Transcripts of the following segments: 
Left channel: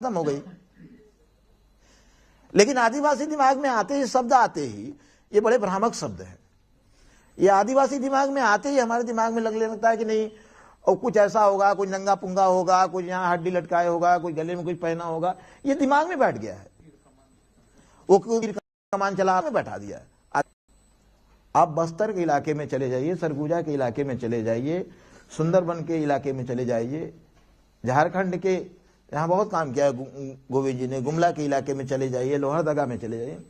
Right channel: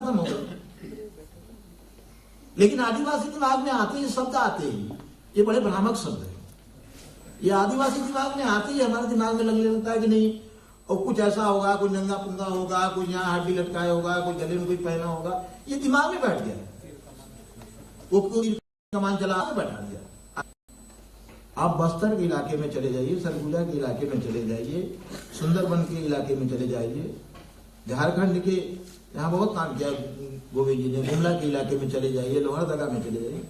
खत्म हो गई। लेकिन आदिवासी दिमाग में आते ही शब्द आते ही, ये बड़े भ्रामक शब्द है, ये आदिवासी दिमाग में आते ही हमारे दिमाग में लगने लगता है कि नहीं और कुछ ऐसा होगा, कुछ नंगा पुंगा होगा, कुछ यहाँ हड्डी लटकाए होगा, कुछ गले में कुछ पहना होगा, ये दिमाग में बैठ गया है। वो कमान चला के बैठा दिया। आप बस्तर के इलाके में चले जाइए, सरगुजा के इलाके में चले जाइए, सुंदरबन के इलाके में चले जाइए, झारखंड के यहाँ बहुत काम किया गोविंद जी ने, गुमला के इलाके में चले जाइए, लोहरदगा में चले जाइए।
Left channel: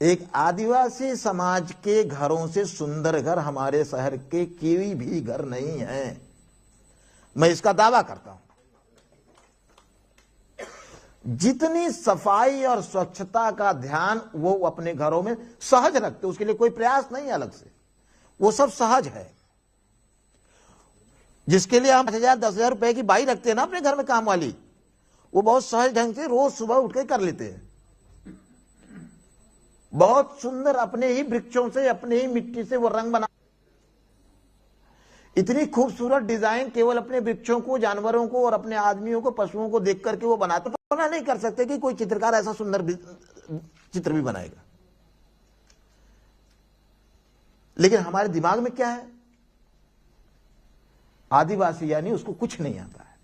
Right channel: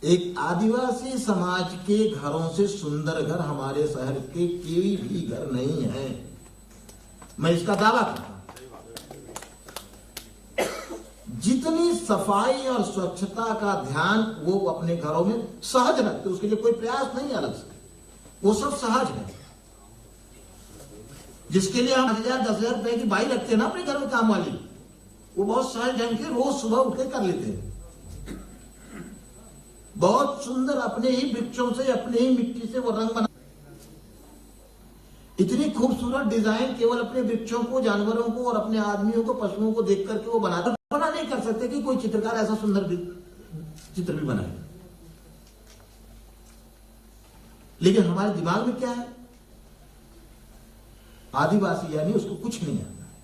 एक आदिवासी समाज के घरों से सुंदर घर हमारे शहर के कोई भी घर नहीं है, मैं इसका दावा करता हूं। जितनी सफाई और स्वच्छता का ध्यान वो अपने घरों में सहज रखते, उसके लिए कोई प्रयास नहीं अलग से, वो सब सहज है। जिसके लिए हम 10,000 रुपए की बाई रखते हैं ना अपने घर में काम वाली, वो बहुत सहज ढंग से रोज सुबह उठ के कर लेते हैं। बहुत सुंदर अपने ही वृक्षों से, अपने ही मिट्टी से वो रंग बना, इतनी खूबसूरत डिजाइन केवल अपने वृक्षों को, जानवरों को और अपने आदमियों को, पशुओं को देख करके वो बनाते। बना नहीं कर सकते कि कोई चित्रकार ऐसा सुंदर चित्र भी बनाएगा। लेकिन हमारे दिमाग में क्या है, आदिवासी यानी उसको कुछ नहीं आता है,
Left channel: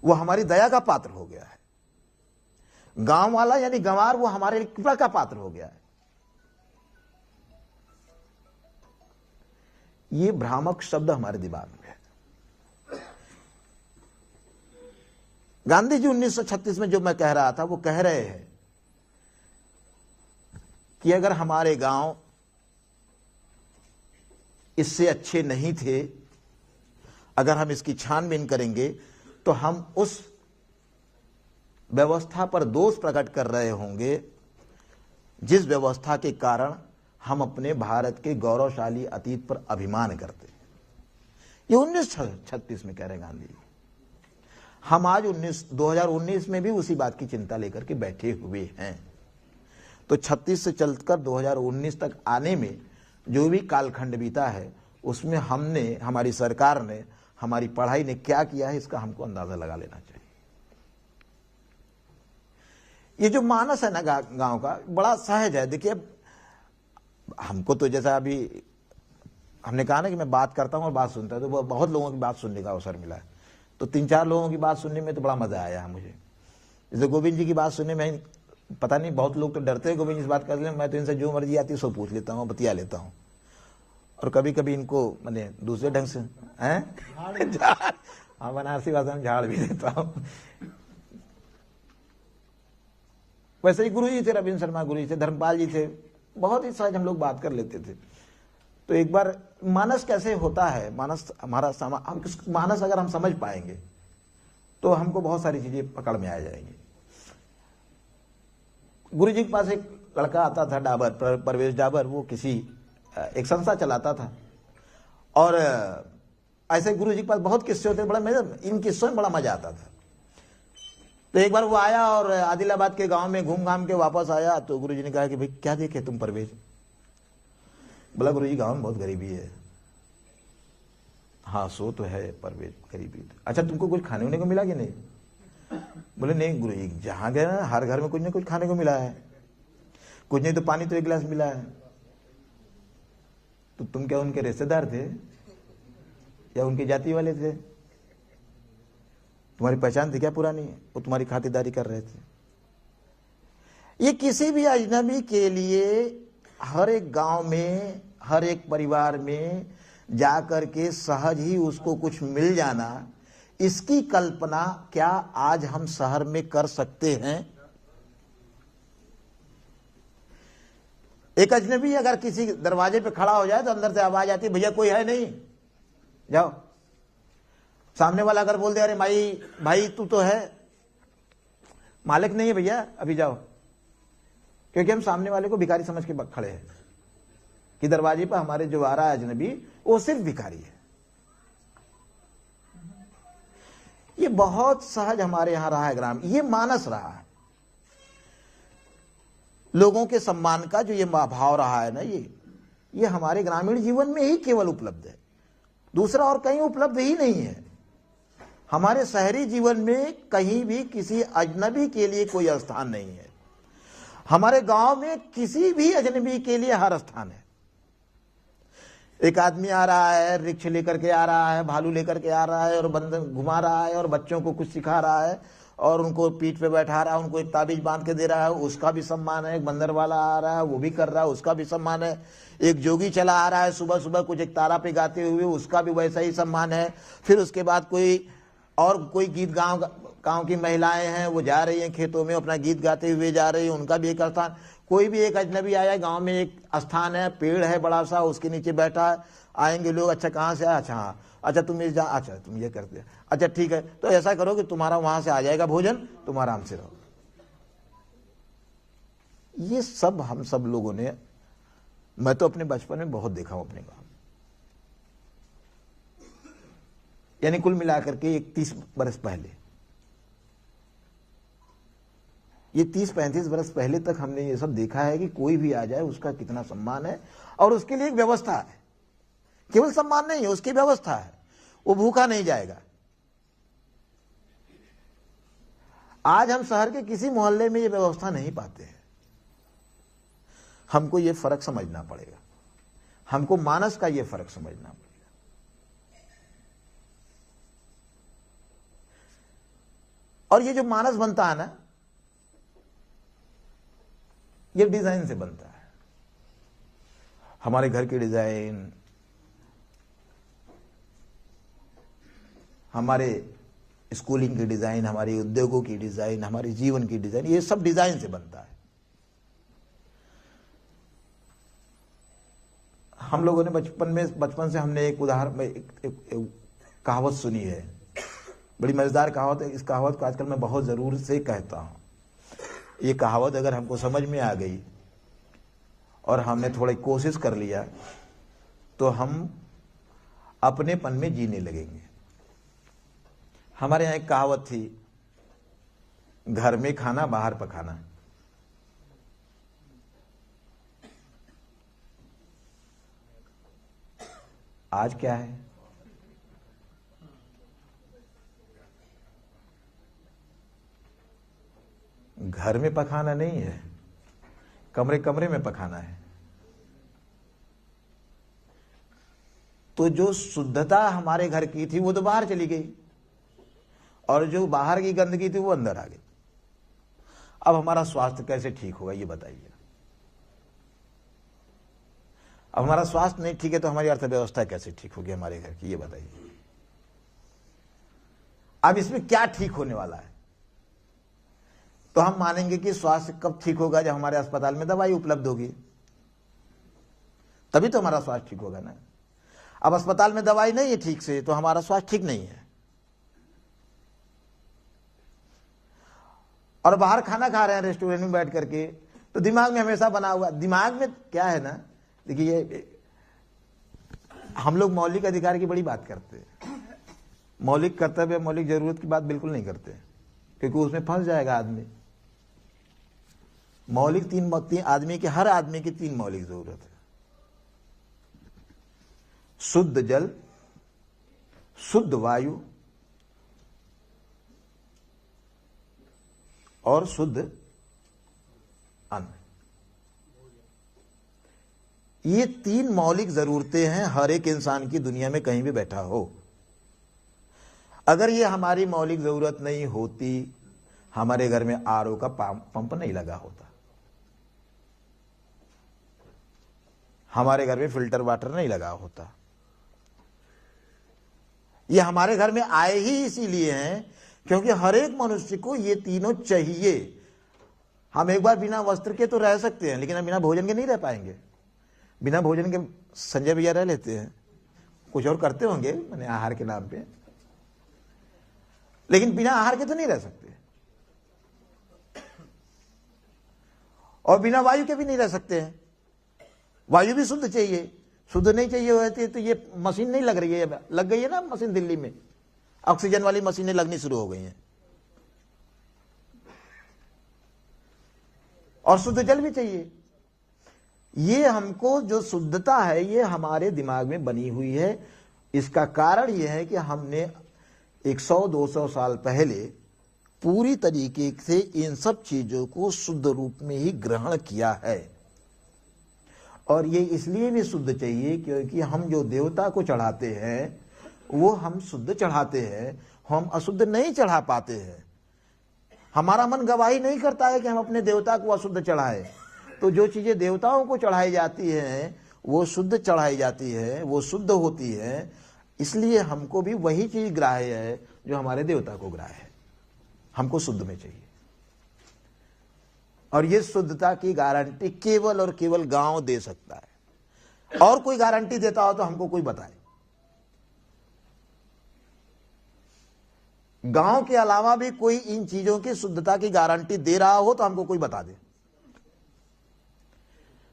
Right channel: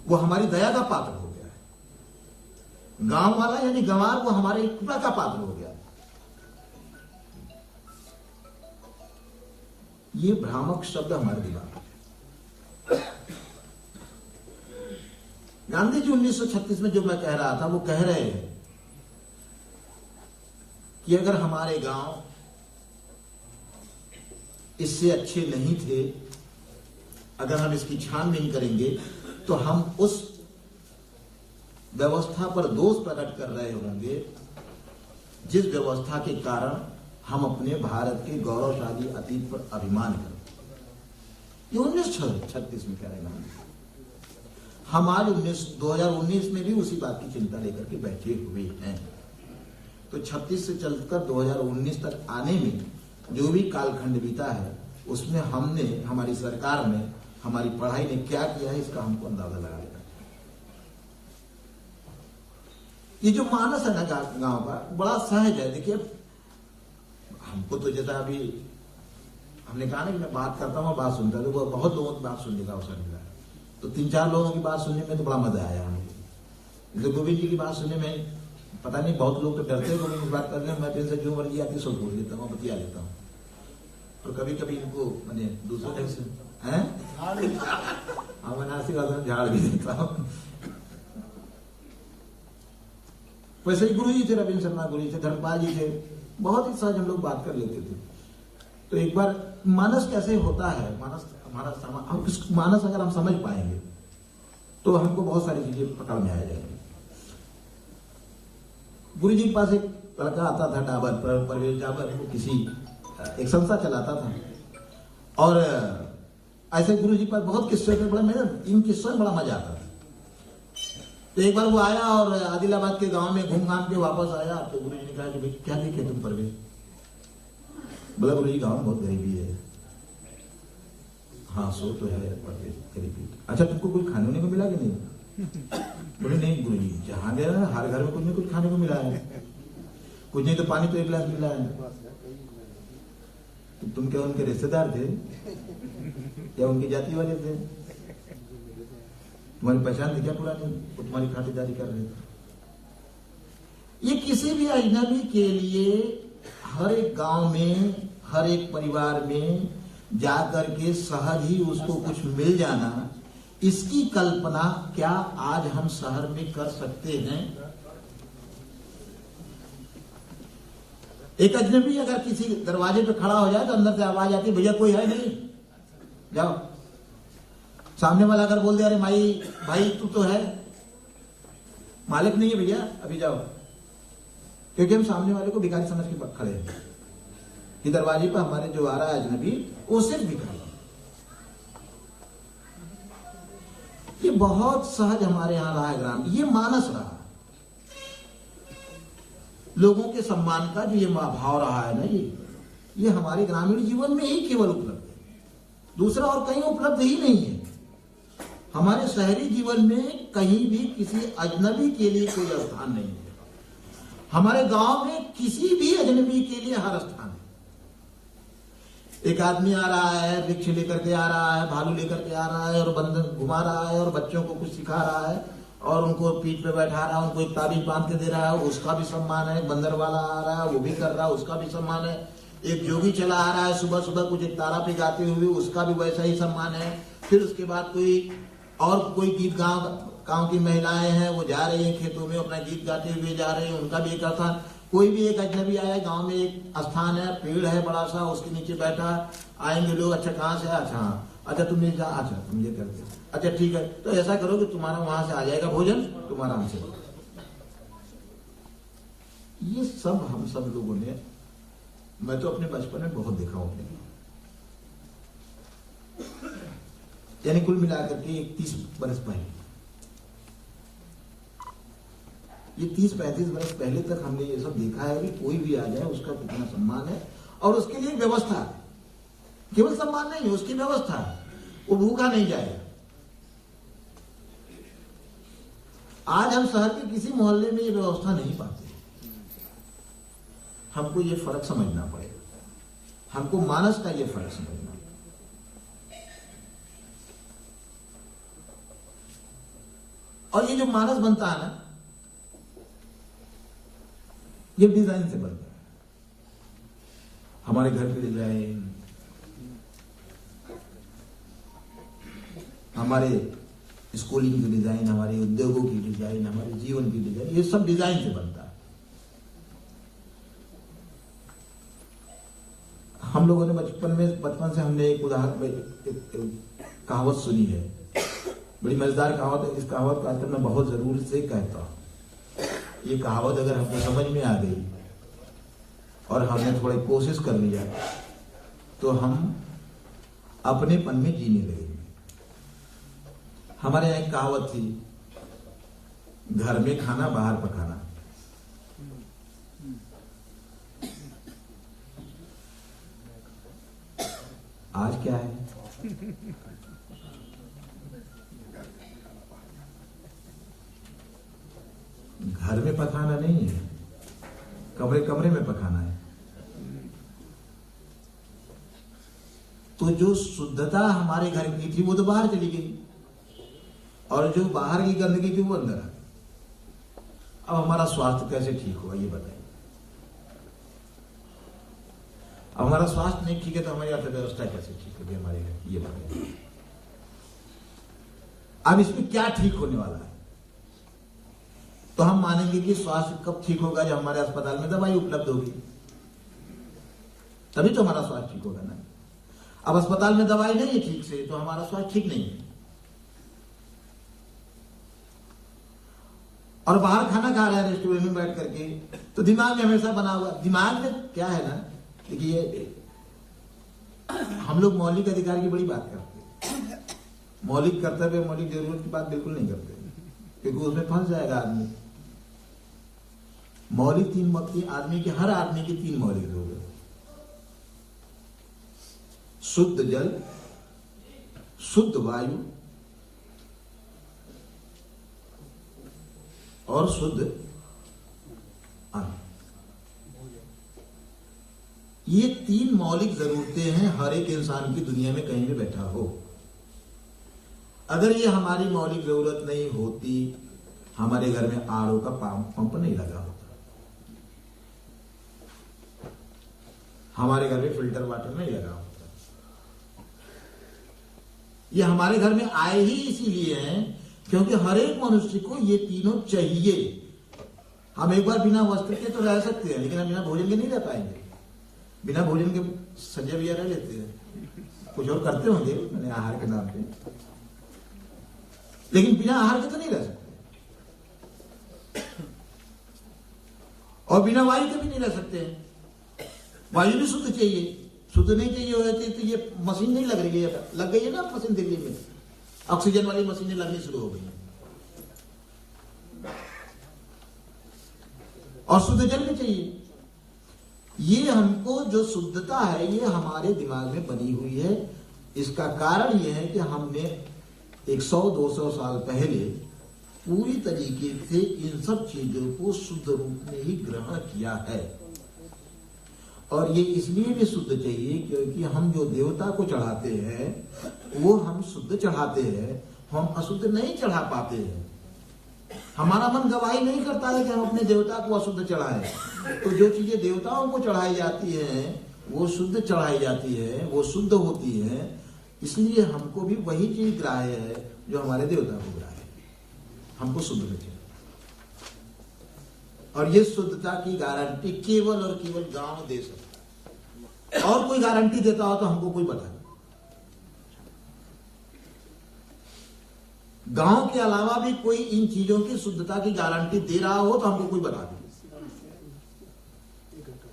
वो हमारी दया का पात्र हो गया है। गांव वाला यानी गंवार, वो हमारे कृपा का पात्र हो गया है। ये भ्रामक शब्द हमारे दिमाग में है। गांधी जी 1936 में जो मैं कह रहा था, वो कह रहे हैं कि अगर हमारे गांव इससे अच्छे नहीं थे, अगर हम इसकी छानबीन करेंगे तो हम उस व्यवस्था पर दोष प्रकट कर रहे होंगे जिस व्यवस्था के कारण हम अपने भारत के गौरवशाली अतीत पर अभिमान करते। ये 1936 में कह रहे गांधी। हम आज 2019 में भी उसी बात की चिंता लेकर के बैठे हुए हैं। तो 36 से चलकर 2019 तक आने में जो भी कालखंड बीता है, उसमें हमने, हमारी सरकार ने, हमारी पढ़ाई ने क्या किया है, इसका हमको अंदाजा लगा लेना चाहिए। ये जो मानस है ना गांव का, बड़ा सहज है। देखिए, हमको तो जैसा अभी हमने कहा ना कि मैं बात करता हूँ, बात सुनता हूँ, तो बहुत लोगों की बात सुनने का अवसर मिला है। तो 3-4 लोगों की बात सुनने में तो बड़ा मजा आया मुझे। जैसे गोविंद जी की बात सुनने में, पता नहीं बहुत लोग तो डरते हैं गोविंद जी बात करने में, मैं तो इनसे जो मर्जी आती है सब बोल देता हूँ, बतिया लेता हूँ। और कभी कभी इनको मैंने दूसरे ढंग से बनारसी भाषा में झाड़ भी देता हूँ। वैसे ही गुरु जी थे, रविंद्र शर्मा गुरु जी थे, धर्मपाल जी थे, बहुत ही सहज हम लोग बात कर लेते थे। तो एक बार मानस कैसे होता है, मानस हमारा मानस अगर हम समझ पाएंगे तो हमको बहुत सारी चीजें पकड़ में आ जाएंगी। गुरु जी के पास एक लड़का आता था, डाबर, परवेश डाबर, वो किसी एक संस्था चलाता था। और ऐसे गुरु जी के पास बहुत किस्से होते, बड़ा इन किस्सों में बड़ा मजा आता था। तो एक बार वो आया और आदिलाबाद के गांव में घूम घाम के वापस आया। तो गुरु जी ने कहा कि भाई क्या देखे तुम परवेश? बोला गुरु जी गांव में बहुत गरीबी है। हाँ सो तो है परवेश, गरीबी। अच्छा तुमको कुछ खाने होने को मिला कि नहीं? बोले नहीं गुरु जी, जहां गए ना हर घर में कुछ ना कुछ खाने को मिला है, कुछ नहीं तो पानी तो 1 गिलास मिला है। तो तुम क्या उनके रिश्तेदार थे या उनकी जाति वाले थे? तुम्हारी पहचान थी क्या पुरानी? वो तुम्हारी खातिरदारी कर रहे थे। ये किसी भी अजनबी के लिए हर एक गांव में, हर एक परिवार में जाकर के सहज ही उसको कुछ मिल जाना, इसकी कल्पना क्या आज हम शहर में कर सकते हैं? एक अजनबी अगर किसी दरवाजे पे खड़ा हो जाए तो अंदर से आवाज आती, भैया कोई है नहीं, जाओ। सामने वाला अगर बोल दे अरे भाई तू तो है, मालिक नहीं है भैया अभी जाओ, क्योंकि हम सामने वाले को भिखारी समझ के खड़े हैं कि दरवाजे पर हमारे जो आ रहा है अजनबी, वो सिर्फ भिखारी है। ये बहुत सहज हमारे यहां रहा है ग्राम, ये मानस रहा है। लोगों के सम्मान का जो ये भाव रहा है ना, ये हमारे ग्रामीण जीवन में ही केवल उपलब्ध है, दूसरा और कहीं उपलब्ध ही नहीं है। हमारे शहरी जीवन में कहीं भी किसी अजनबी के लिए कोई स्थान नहीं है। हमारे गांव में किसी भी अजनबी के लिए हर स्थान है। एक आदमी आ रहा है, वृक्ष लेकर के आ रहा है, भालू लेकर के आ रहा है और बंधन घुमा रहा है और बच्चों को कुछ सिखा रहा है और उनको पीठ पे बैठा रहा है, उनको एक ताबीज बांध के दे रहा है, उसका भी सम्मान है। बंदर वाला आ रहा है, वो भी कर रहा है, उसका भी सम्मान है। एक जोगी चला आ रहा है सुबह सुबह कुछ एक ताला पे गाते हुए, उसका भी वैसा ही सम्मान है। फिर उसके बाद कोई गीत गांव की महिलाएं हैं, वो जा रही हैं खेतों में अपना गीत गाते हुए जा रही हैं, उनका भी एक स्थान। कोई भी एक अजनबी आया, गांव में एक स्थान है, पेड़ है बड़ा सा, उसके नीचे बैठा है, आएंगे लोग, अच्छा कहाँ से? अच्छा हाँ, अच्छा तुम ये अच्छा तुम ये कर दे, अच्छा ठीक है, तो ऐसा करो कि तुम्हारा वहां से आ जाएगा भोजन, तुम आराम से रहो। ये सब हम सब लोगों ने, मैं तो अपने बचपन में बहुत देखा हूं अपने गाँव। यानी कुल मिलाकर के 31 बरस पहले, ये 30-35 बरस पहले तक हमने ये सब देखा है कि कोई भी आ जाए उसका कितना सम्मान है और उसके लिए एक व्यवस्था है। केवल सम्मान नहीं है, उसकी व्यवस्था है, वो भूखा नहीं जाएगा। आज हम शहर के किसी मोहल्ले में ये व्यवस्था नहीं पाते। हमको ये फर्क समझना पड़ेगा, हमको मानस का ये फर्क समझना पड़ेगा। और ये जो मानस बनता है ना, ये डिजाइन से बनता है। हमारे घर की डिजाइन, हमारे स्कूलिंग की डिजाइन, हमारे उद्योगों की डिजाइन, हमारे जीवन की डिजाइन, ये सब डिजाइन से बनता है। हम लोगों ने बचपन से हमने एक उदाहरण, एक कहावत सुनी है, बड़ी मजेदार कहावत है। इस कहावत को आजकल मैं बहुत जरूर से कहता हूं। ये कहावत अगर हमको समझ में आ गई और हमने थोड़ी कोशिश कर लिया तो हम अपनेपन में जीने लगेंगे। हमारे यहाँ एक कहावत थी, घर में खाना बाहर पकाना। आज क्या है? घर में पकाना नहीं है, कमरे कमरे में पकाना है। तो जो शुद्धता हमारे घर की थी वो तो बाहर चली गई और जो बाहर की गंदगी थी वो अंदर आ गई। अब हमारा स्वास्थ्य कैसे ठीक होगा ये बताइए। अब हमारा स्वास्थ्य नहीं ठीक है तो हमारी अर्थव्यवस्था कैसे ठीक होगी हमारे घर की, ये बताइए। अब इसमें क्या ठीक होने वाला है? तो हम मानेंगे कि स्वास्थ्य कब ठीक होगा? जब हमारे अस्पताल में दवाई उपलब्ध होगी, तभी तो हमारा स्वास्थ्य ठीक होगा ना। अब अस्पताल में दवाई नहीं है ठीक से तो हमारा स्वास्थ्य ठीक नहीं है। और बाहर खाना खा रहे हैं रेस्टोरेंट में बैठ करके, तो दिमाग में हमेशा बना हुआ, दिमाग में क्या है ना, देखिए हम लोग मौलिक अधिकार की बड़ी बात करते हैं, मौलिक कर्तव्य मौलिक जरूरत की बात बिल्कुल नहीं करते, क्योंकि उसमें फंस जाएगा आदमी। मौलिक तीन आदमी की, हर आदमी की 3 मौलिक जरूरत है। शुद्ध जल, शुद्ध वायु और शुद्ध अन्न। ये 3 मौलिक जरूरतें हैं हर एक इंसान की, दुनिया में कहीं भी बैठा हो। अगर ये हमारी मौलिक जरूरत नहीं होती, हमारे घर में आरओ का पंप नहीं लगा होता, हमारे घर में फिल्टर वाटर नहीं लगा होता। ये हमारे घर में आए ही इसीलिए हैं क्योंकि हर एक मनुष्य को ये तीनों चाहिए। हम एक बार बिना वस्त्र के तो रह सकते हैं, लेकिन हम बिना भोजन के नहीं रह पाएंगे। बिना भोजन के संजय भैया रह लेते हैं, कुछ और करते होंगे मैंने आहार के नाम पे, लेकिन बिना आहार के तो नहीं रह सकते। और बिना वायु के भी नहीं रह सकते हैं। वायु भी शुद्ध चाहिए, शुद्ध नहीं चाहिए होती तो ये मशीन नहीं लग रही है। लग गई है ना मशीन, दिल्ली में ऑक्सीजन वाली मशीनें लगनी शुरू हो गई हैं। और शुद्ध जल भी चाहिए। ये हमको जो शुद्धता है ये हमारे दिमाग में बनी हुई है। इसका कारण यह है कि हमने 100-200 साल पहले पूरी तरीके से इन सब चीजों को शुद्ध रूप में ही ग्रहण किया है। और ये इसलिए भी शुद्ध चाहिए क्योंकि हम जो देवता को चढ़ाते हैं वो हम शुद्ध चढ़ाते हैं, हम अशुद्ध नहीं चढ़ा पाते हैं। हमारा मन गवाही नहीं करता है कि हम अपने देवता को अशुद्ध चढ़ाएं। तो जो चीजें देवताओं को चढ़ाई जाती हैं वो शुद्ध चढ़ाई जाती है, वो शुद्ध होती है। इसलिए हमको भी वही चीज ग्राह्य है जो हमारे देवता को ग्राह्य है। हमको शुद्ध में चाहिए। और ये शुद्धता की गारंटी केवल और केवल गांव दे सकता है। और कोई गारंटी देता हो तो हमको कोई बताए। गांव के अलावा भी कोई इन चीजों की शुद्धता की गारंटी दे रहा हो तो हमको कोई बता दे।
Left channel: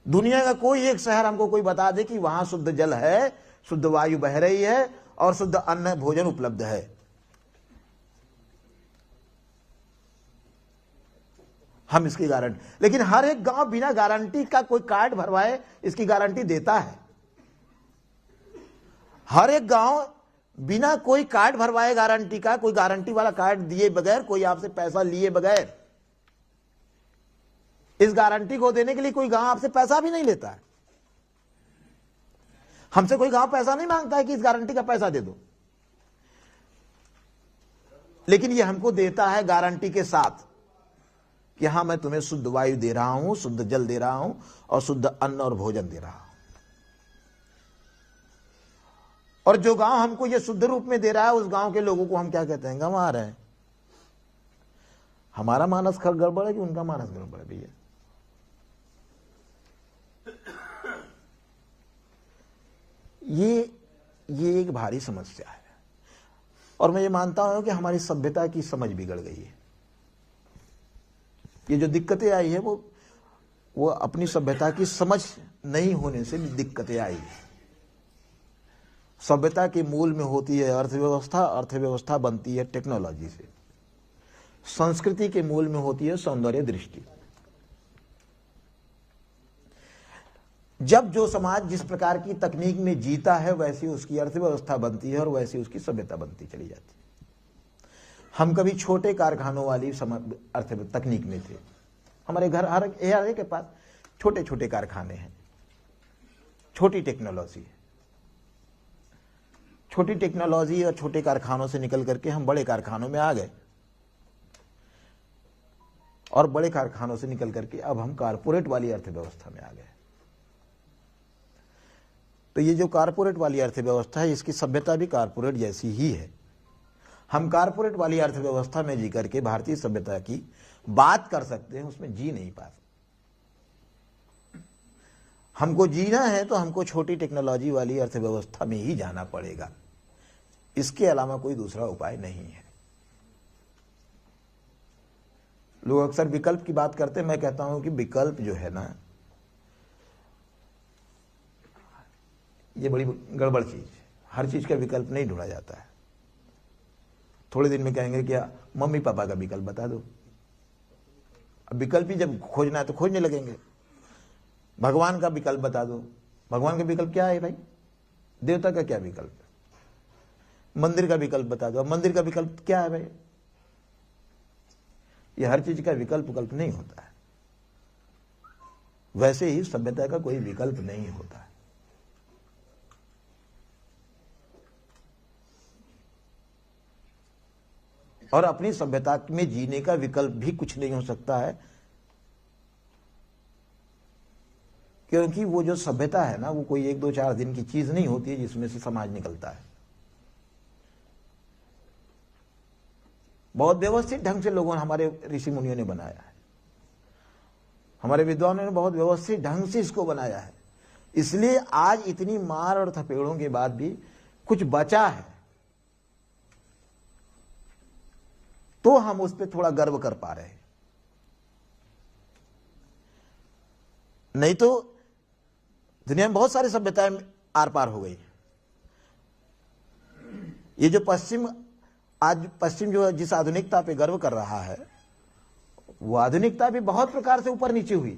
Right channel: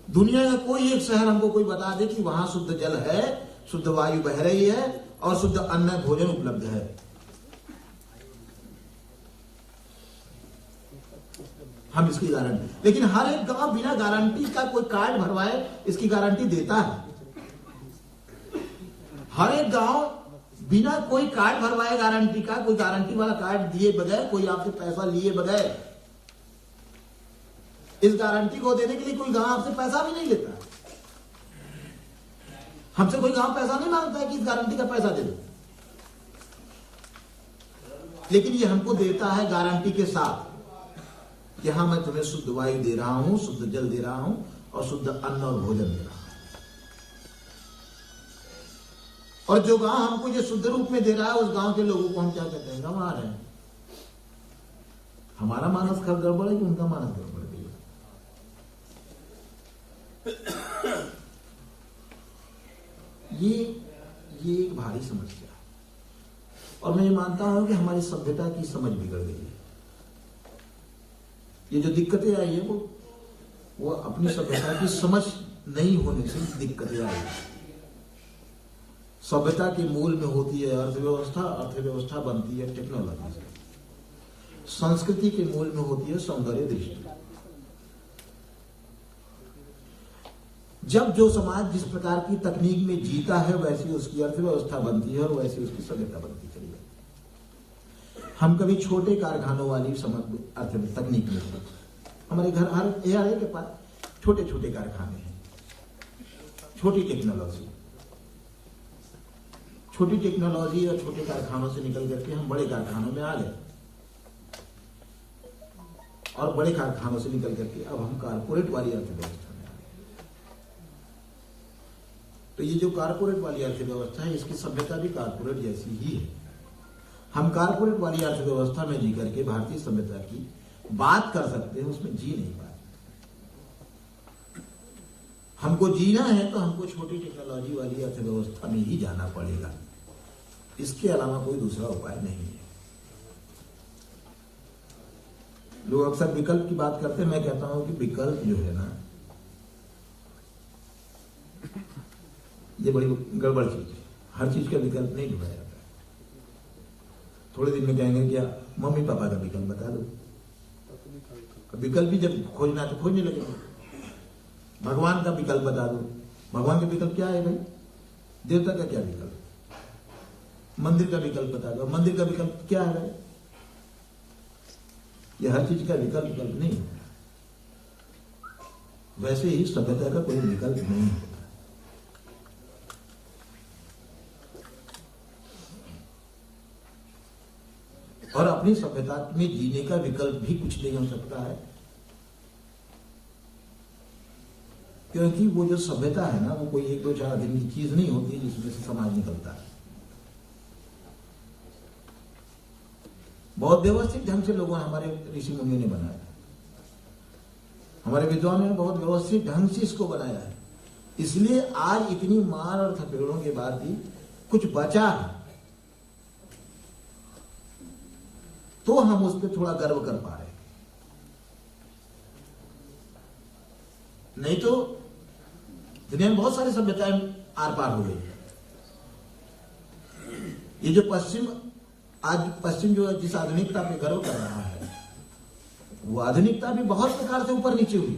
दुनिया का कोई एक शहर हमको कोई बता दे कि वहां शुद्ध जल है, शुद्ध वायु बह रही है और शुद्ध अन्न भोजन उपलब्ध है। हम इसकी गारंटी, लेकिन हर एक गांव बिना गारंटी का कोई कार्ड भरवाए इसकी गारंटी देता है। हर एक गांव बिना कोई कार्ड भरवाए गारंटी का, कोई गारंटी वाला कार्ड दिए बगैर, कोई आपसे पैसा लिए बगैर, इस गारंटी को देने के लिए कोई गांव आपसे पैसा भी नहीं लेता है। हमसे कोई गांव पैसा नहीं मांगता है कि इस गारंटी का पैसा दे दो, लेकिन ये हमको देता है गारंटी के साथ कि हाँ मैं तुम्हें शुद्ध वायु दे रहा हूं, शुद्ध जल दे रहा हूं और शुद्ध अन्न और भोजन दे रहा हूं। और जो गांव हमको ये शुद्ध रूप में दे रहा है उस गांव के लोगों को हम क्या कहते हैं? गंवार है। हमारा मानस गड़बड़ है कि उनका मानस गड़बड़ भी है। ये एक भारी समस्या है। और मैं ये मानता हूं कि हमारी सभ्यता की समझ बिगड़ गई है। ये जो दिक्कतें आई है वो अपनी सभ्यता की समझ नहीं होने से दिक्कतें आई है। सभ्यता के मूल में होती है अर्थव्यवस्था, अर्थव्यवस्था बनती है टेक्नोलॉजी से। संस्कृति के मूल में होती है सौंदर्य दृष्टि। जब जो समाज जिस प्रकार की तकनीक में जीता है वैसी उसकी अर्थव्यवस्था बनती है और वैसी उसकी सभ्यता बनती चली जाती है। हम कभी छोटे कारखानों वाली अर्थ तकनीक में थे। हमारे घर हर एक के पास छोटे छोटे कारखाने हैं, छोटी टेक्नोलॉजी। छोटी टेक्नोलॉजी और छोटे कारखानों से निकल करके हम बड़े कारखानों में आ गए और बड़े कारखानों से निकल करके अब हम कारपोरेट वाली अर्थव्यवस्था में आ गए। तो ये जो कारपोरेट वाली अर्थव्यवस्था है इसकी सभ्यता भी कारपोरेट जैसी ही है। हम कारपोरेट वाली अर्थव्यवस्था में जी करके भारतीय सभ्यता की बात कर सकते हैं, उसमें जी नहीं पाते। हमको जीना है तो हमको छोटी टेक्नोलॉजी वाली अर्थव्यवस्था में ही जाना पड़ेगा। इसके अलावा कोई दूसरा उपाय नहीं है। लोग अक्सर विकल्प की बात करते हैं। मैं कहता हूं कि विकल्प जो है ना, ये बड़ी गड़बड़ चीज है। हर चीज का विकल्प नहीं ढूंढा जाता है। थोड़े दिन में कहेंगे क्या मम्मी पापा का विकल्प बता दो। अब विकल्प भी जब खोजना है तो खोजने लगेंगे। भगवान का विकल्प बता दो। भगवान का विकल्प क्या है भाई? देवता का क्या विकल्प? मंदिर का विकल्प बता दो। मंदिर का विकल्प क्या है भाई? ये हर चीज का विकल्प नहीं होता है। वैसे ही सभ्यता का कोई विकल्प नहीं होता। और अपनी सभ्यता में जीने का विकल्प भी कुछ नहीं हो सकता है, क्योंकि वो जो सभ्यता है ना वो कोई 1-2-4 दिन की चीज नहीं होती है जिसमें से समाज निकलता है। बहुत व्यवस्थित ढंग से लोगों ने, हमारे ऋषि मुनियों ने बनाया है, हमारे विद्वानों ने बहुत व्यवस्थित ढंग से इसको बनाया है। इसलिए आज इतनी मार और थपेड़ों के बाद भी कुछ बचा है, तो हम उस पर थोड़ा गर्व कर पा रहे हैं। नहीं तो दुनिया में बहुत सारी सभ्यताएं आर पार हो गई। ये जो पश्चिम जो जिस आधुनिकता पे गर्व कर रहा है वो आधुनिकता भी बहुत प्रकार से ऊपर नीचे हुई।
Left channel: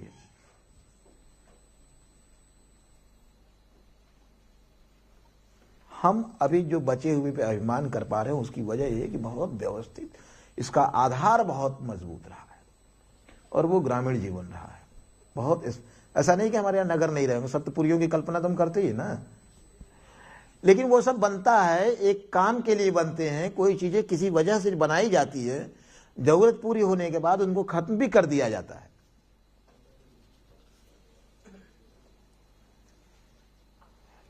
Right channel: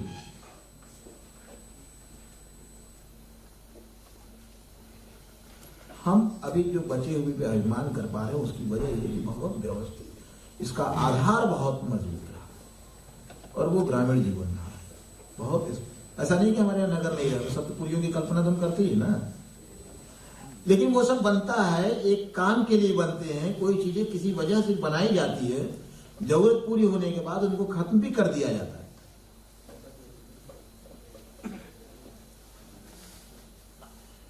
हम अभी जो बचे हुए पे अभिमान कर पा रहे हैं उसकी वजह ये है कि बहुत व्यवस्थित, इसका आधार बहुत मजबूत रहा है और वो ग्रामीण जीवन रहा है। बहुत ऐसा नहीं कि हमारे यहाँ नगर नहीं रहे, सप्तपुरियों की कल्पना तो हम करते ही ना, लेकिन वो सब बनता है एक काम के लिए बनते हैं। कोई चीजें किसी वजह से बनाई जाती है, जरूरत पूरी होने के बाद उनको खत्म भी कर दिया जाता है।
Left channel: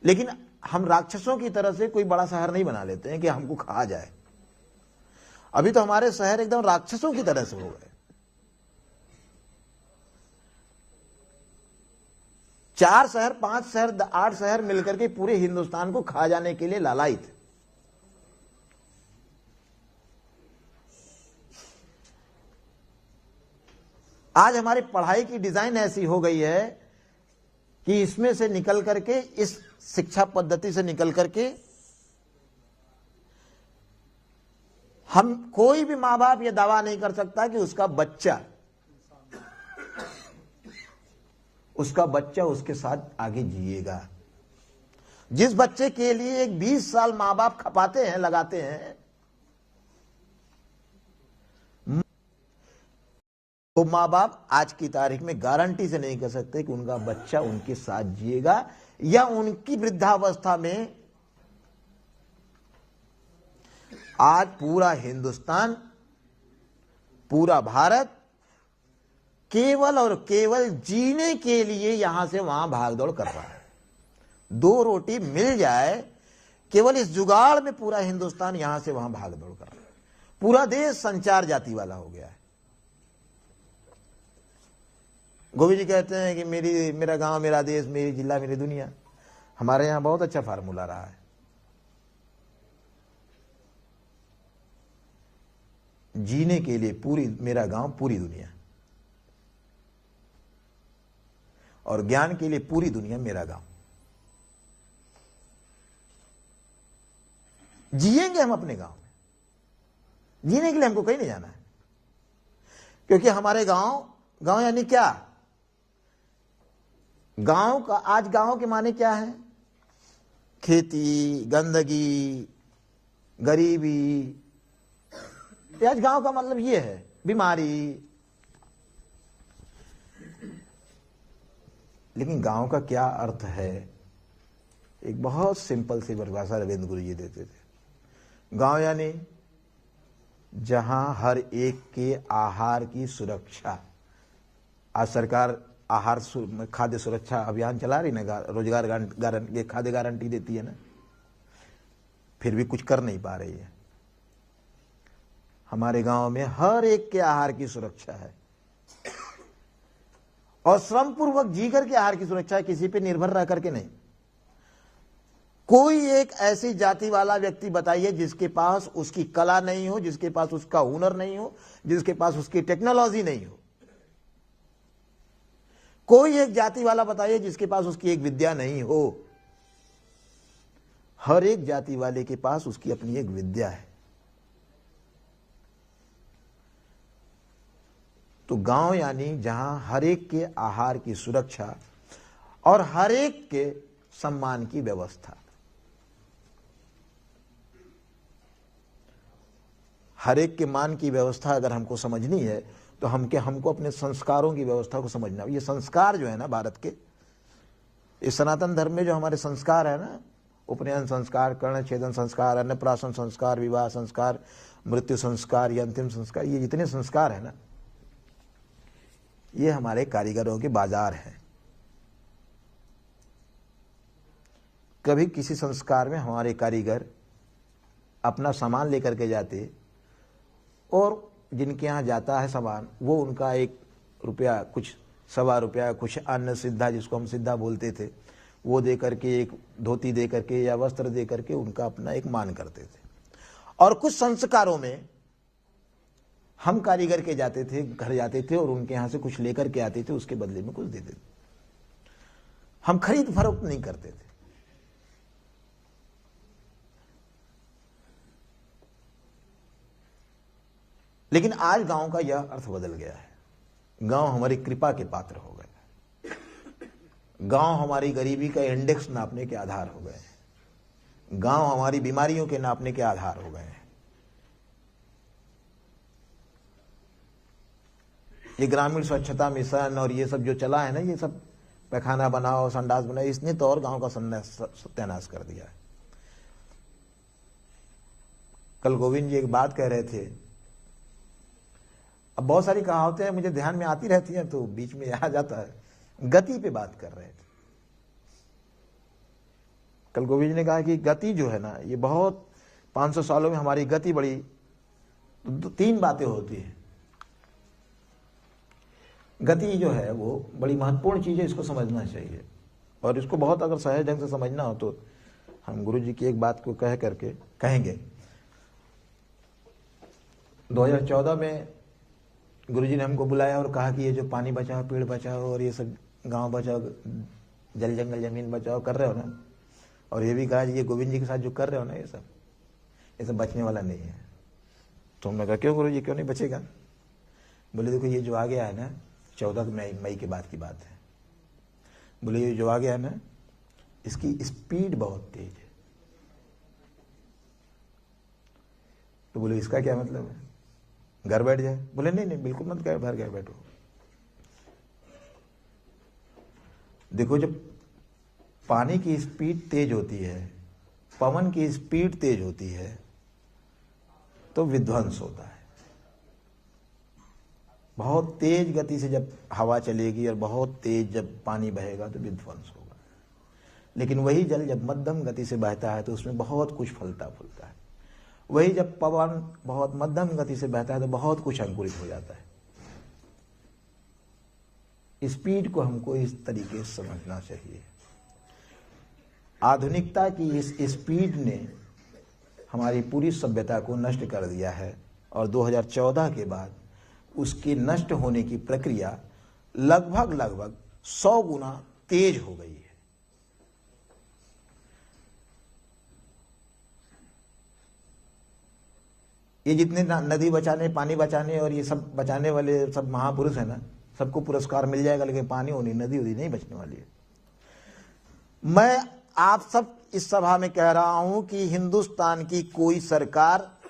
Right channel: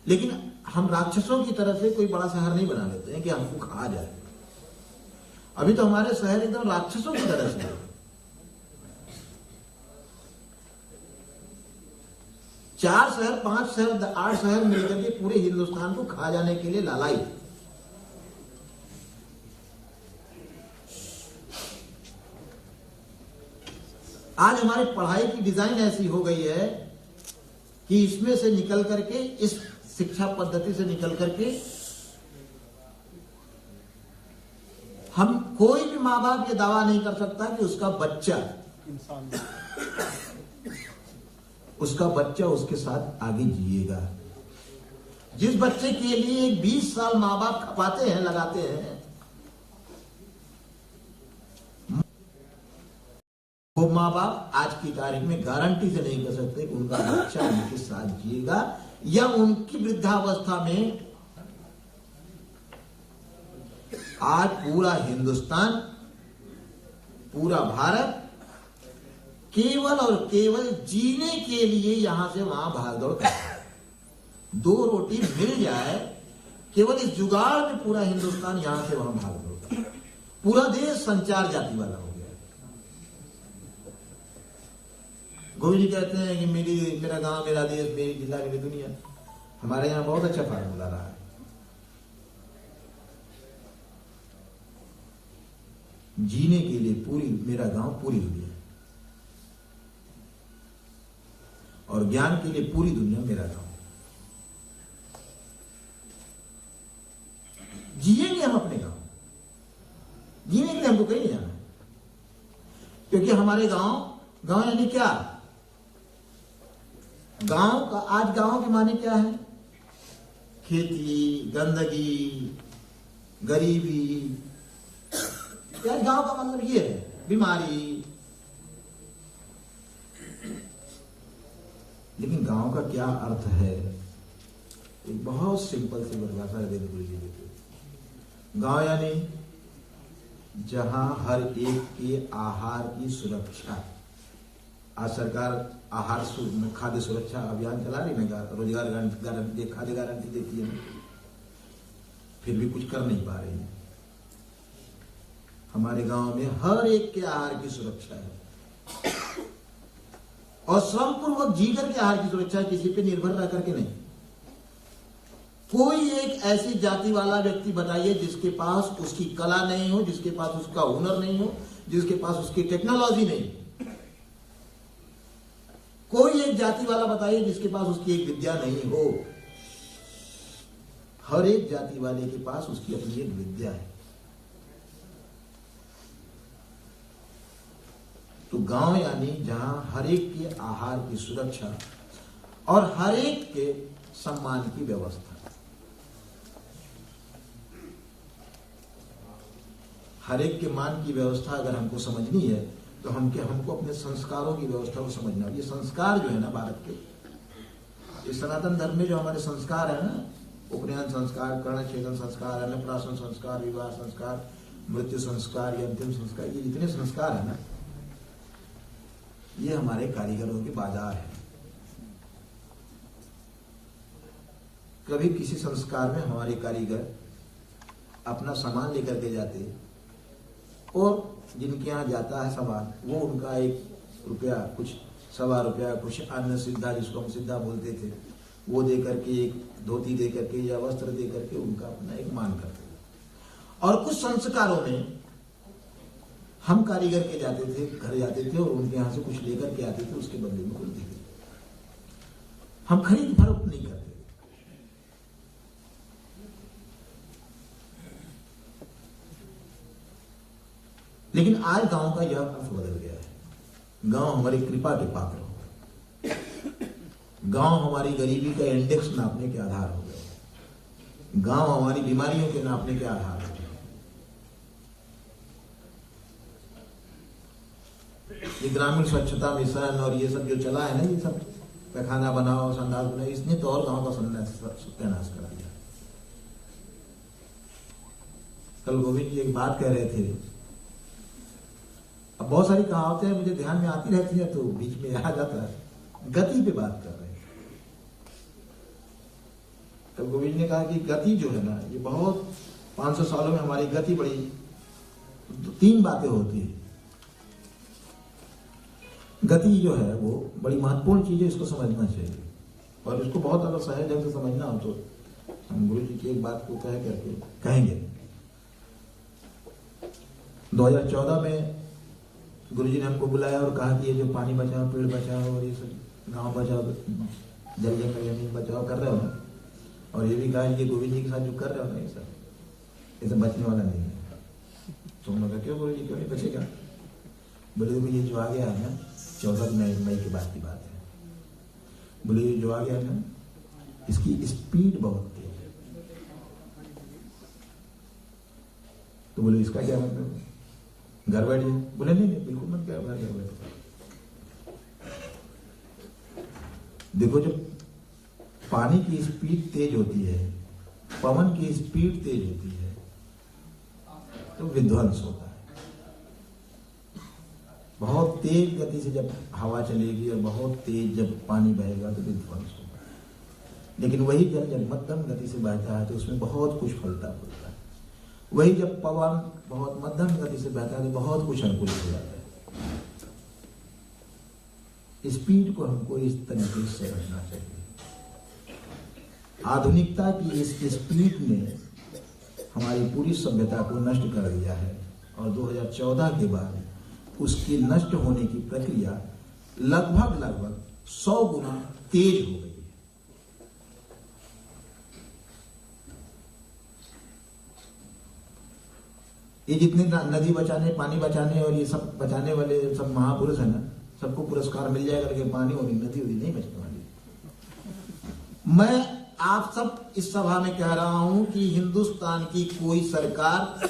लेकिन हम राक्षसों की तरह से कोई बड़ा शहर नहीं बना लेते हैं कि हमको खा जाए। अभी तो हमारे शहर एकदम राक्षसों की तरह से है। 4 शहर 5 शहर 8 शहर मिलकर के पूरे हिंदुस्तान को खा जाने के लिए लालायित। आज हमारी पढ़ाई की डिजाइन ऐसी हो गई है कि इसमें से निकल करके, इस शिक्षा पद्धति से निकल करके हम, कोई भी मां बाप ये दावा नहीं कर सकता कि उसका बच्चा उसके साथ आगे जिएगा। जिस बच्चे के लिए 20 साल मां बाप खपाते हैं, लगाते हैं, वो मां बाप आज की तारीख में गारंटी से नहीं कर सकते कि उनका बच्चा उनके साथ जिएगा या उनकी वृद्धावस्था में। आज पूरा हिंदुस्तान, पूरा भारत केवल और केवल जीने के लिए यहां से वहां भागदौड़ कर रहा है। 2 रोटी मिल जाए, केवल इस जुगाड़ में पूरा हिंदुस्तान यहां से वहां भागदौड़ कर रहा है। पूरा देश संचार जाति वाला हो गया है। गोविंद जी कहते हैं कि मेरा गांव मेरा देश, मेरी जिला मेरी दुनिया। हमारे यहां बहुत अच्छा फार्मूला रहा है। जीने के लिए पूरी मेरा गांव पूरी दुनिया, और ज्ञान के लिए पूरी दुनिया मेरा गांव। जिएंगे हम अपने गांव, जीने के लिए हमको कहीं नहीं जाना है, क्योंकि हमारे गांव यानी क्या? गांव का, आज गांव के माने क्या है? खेती, गंदगी, गरीबी। आज गांव का मतलब ये है, बीमारी। लेकिन गांव का क्या अर्थ है? एक बहुत सिंपल सी परिभाषा रविंद्र गुरु जी देते थे। गांव यानी जहां हर एक के आहार की सुरक्षा। आज सरकार आहार खाद्य सुरक्षा अभियान चला रही ना, रोजगार गारंटी, खाद्य गारंटी देती है ना, फिर भी कुछ कर नहीं पा रही है। हमारे गांव में हर एक के आहार की सुरक्षा है, और श्रम पूर्वक जीकर के आहार की सुरक्षा है, किसी पे निर्भर रह करके नहीं। कोई एक ऐसी जाति वाला व्यक्ति बताइए जिसके पास उसकी कला नहीं हो, जिसके पास उसका हुनर नहीं हो, जिसके पास उसकी टेक्नोलॉजी नहीं हो। कोई एक जाति वाला बताइए जिसके पास उसकी एक विद्या नहीं हो। हर एक जाति वाले के पास उसकी अपनी एक विद्या है। तो गांव यानी जहां हर एक के आहार की सुरक्षा और हर एक के सम्मान की व्यवस्था। हर एक के मान की व्यवस्था अगर हमको समझनी है तो हमको अपने संस्कारों की व्यवस्था को समझना। ये संस्कार जो है ना भारत के, इस सनातन धर्म में जो हमारे संस्कार है ना, उपनयन संस्कार, कर्णछेदन संस्कार, अन्नप्राशन संस्कार, विवाह संस्कार, मृत्यु संस्कार, ये अंतिम संस्कार, ये जितने संस्कार है ना, ये हमारे कारीगरों के बाजार है। कभी किसी संस्कार में हमारे कारीगर अपना सामान लेकर के जाते, और जिनके यहाँ जाता है सामान, वो उनका 1 रुपया, कुछ 1.25 रुपया, कुछ अन्न सिद्धा, जिसको हम सिद्धा बोलते थे, वो दे करके, एक धोती दे करके या वस्त्र दे करके उनका अपना एक मान करते थे। और कुछ संस्कारों में हम कारीगर के जाते थे, घर जाते थे, और उनके यहाँ से कुछ लेकर के आते थे, उसके बदले में कुछ देते थे। हम खरीद फरोख्त नहीं करते थे। लेकिन आज गांव का यह अर्थ बदल गया है। गांव हमारी कृपा के पात्र हो गए। गांव हमारी गरीबी का इंडेक्स नापने के आधार हो गए। गांव हमारी बीमारियों के नापने के आधार हो गए। ये ग्रामीण स्वच्छता मिशन और ये सब जो चला है ना, ये सब पैखाना बनाओ, संडास बनाओ, इसने तो और गांव का सत्यानाश कर दिया। कल गोविंद जी एक बात कह रहे थे, अब बहुत सारी कहावतें मुझे ध्यान में आती रहती है तो बीच में आ जाता है। गति पे बात कर रहे हैं। कल गोविंद जी ने कहा कि गति जो है ना, ये बहुत 500 सालों में हमारी गति बड़ी, तो 3 बातें होती है। गति जो है वो बड़ी महत्वपूर्ण चीज है, इसको समझना चाहिए। और इसको बहुत अगर सहज ढंग से समझना हो तो हम गुरु जी की एक बात को कह करके कहेंगे। 2014 में गुरु जी ने हमको बुलाया और कहा कि ये जो पानी बचाओ, पेड़ बचाओ और ये सब गांव बचाओ, जल जंगल जमीन बचाओ कर रहे हो ना, और ये भी कहा ये गोविंद जी के साथ जो कर रहे हो ना, ये सब बचने वाला नहीं है। तो हमने कहा क्यों गुरु जी, क्यों नहीं बचेगा? बोले देखो ये जो आ गया है ना, 14 मई के बाद की बात है, बोले ये जो आ गया है ना, इसकी स्पीड बहुत तेज है। तो बोले इसका क्या मतलब, घर बैठ जाए? बोले नहीं नहीं, बिल्कुल मत घर बैठो। देखो जब पानी की स्पीड तेज होती है, पवन की स्पीड तेज होती है, तो विध्वंस होता है। बहुत तेज गति से जब हवा चलेगी और बहुत तेज जब पानी बहेगा तो विध्वंस होगा। लेकिन वही जल जब मध्यम गति से बहता है तो उसमें बहुत कुछ फलता फूलता है। वही जब पवन बहुत मध्यम गति से बहता है तो बहुत कुछ अंकुरित हो जाता है। स्पीड को हमको इस तरीके से समझना चाहिए। आधुनिकता की इस स्पीड ने हमारी पूरी सभ्यता को नष्ट कर दिया है, और 2014 के बाद उसकी नष्ट होने की प्रक्रिया लगभग 100 गुना तेज हो गई है। ये जितने नदी बचाने, पानी बचाने और ये सब बचाने वाले सब महापुरुष है ना, सबको पुरस्कार मिल जाएगा, लेकिन पानी होनी, नदी होनी नहीं बचने वाली है। मैं आप सब इस सभा में कह रहा हूं कि हिंदुस्तान की कोई सरकार,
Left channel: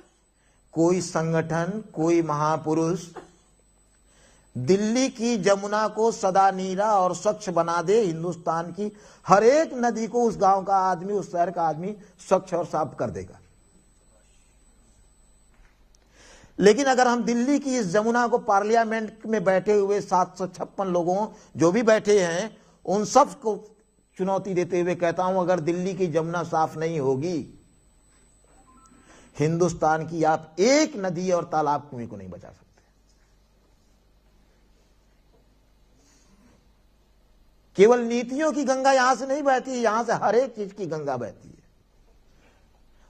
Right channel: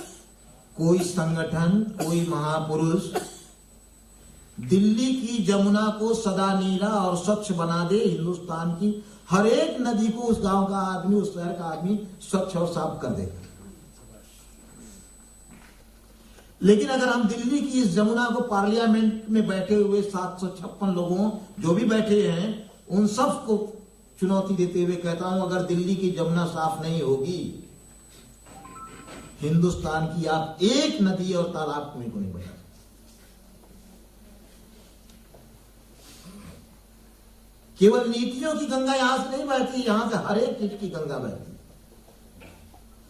कोई संगठन, कोई महापुरुष दिल्ली की जमुना को सदा नीरा और स्वच्छ बना दे, हिंदुस्तान की हर एक नदी को उस गांव का आदमी, उस शहर का आदमी स्वच्छ और साफ कर देगा। लेकिन अगर हम दिल्ली की इस जमुना को, पार्लियामेंट में बैठे हुए 756 लोगों जो भी बैठे हैं, उन सब को चुनौती देते हुए कहता हूं, अगर दिल्ली की जमुना साफ नहीं होगी, हिंदुस्तान की आप एक नदी और तालाब को नहीं बचा सकते। केवल नीतियों की गंगा यहां से नहीं बहती, यहां से हर एक चीज की गंगा बहती है।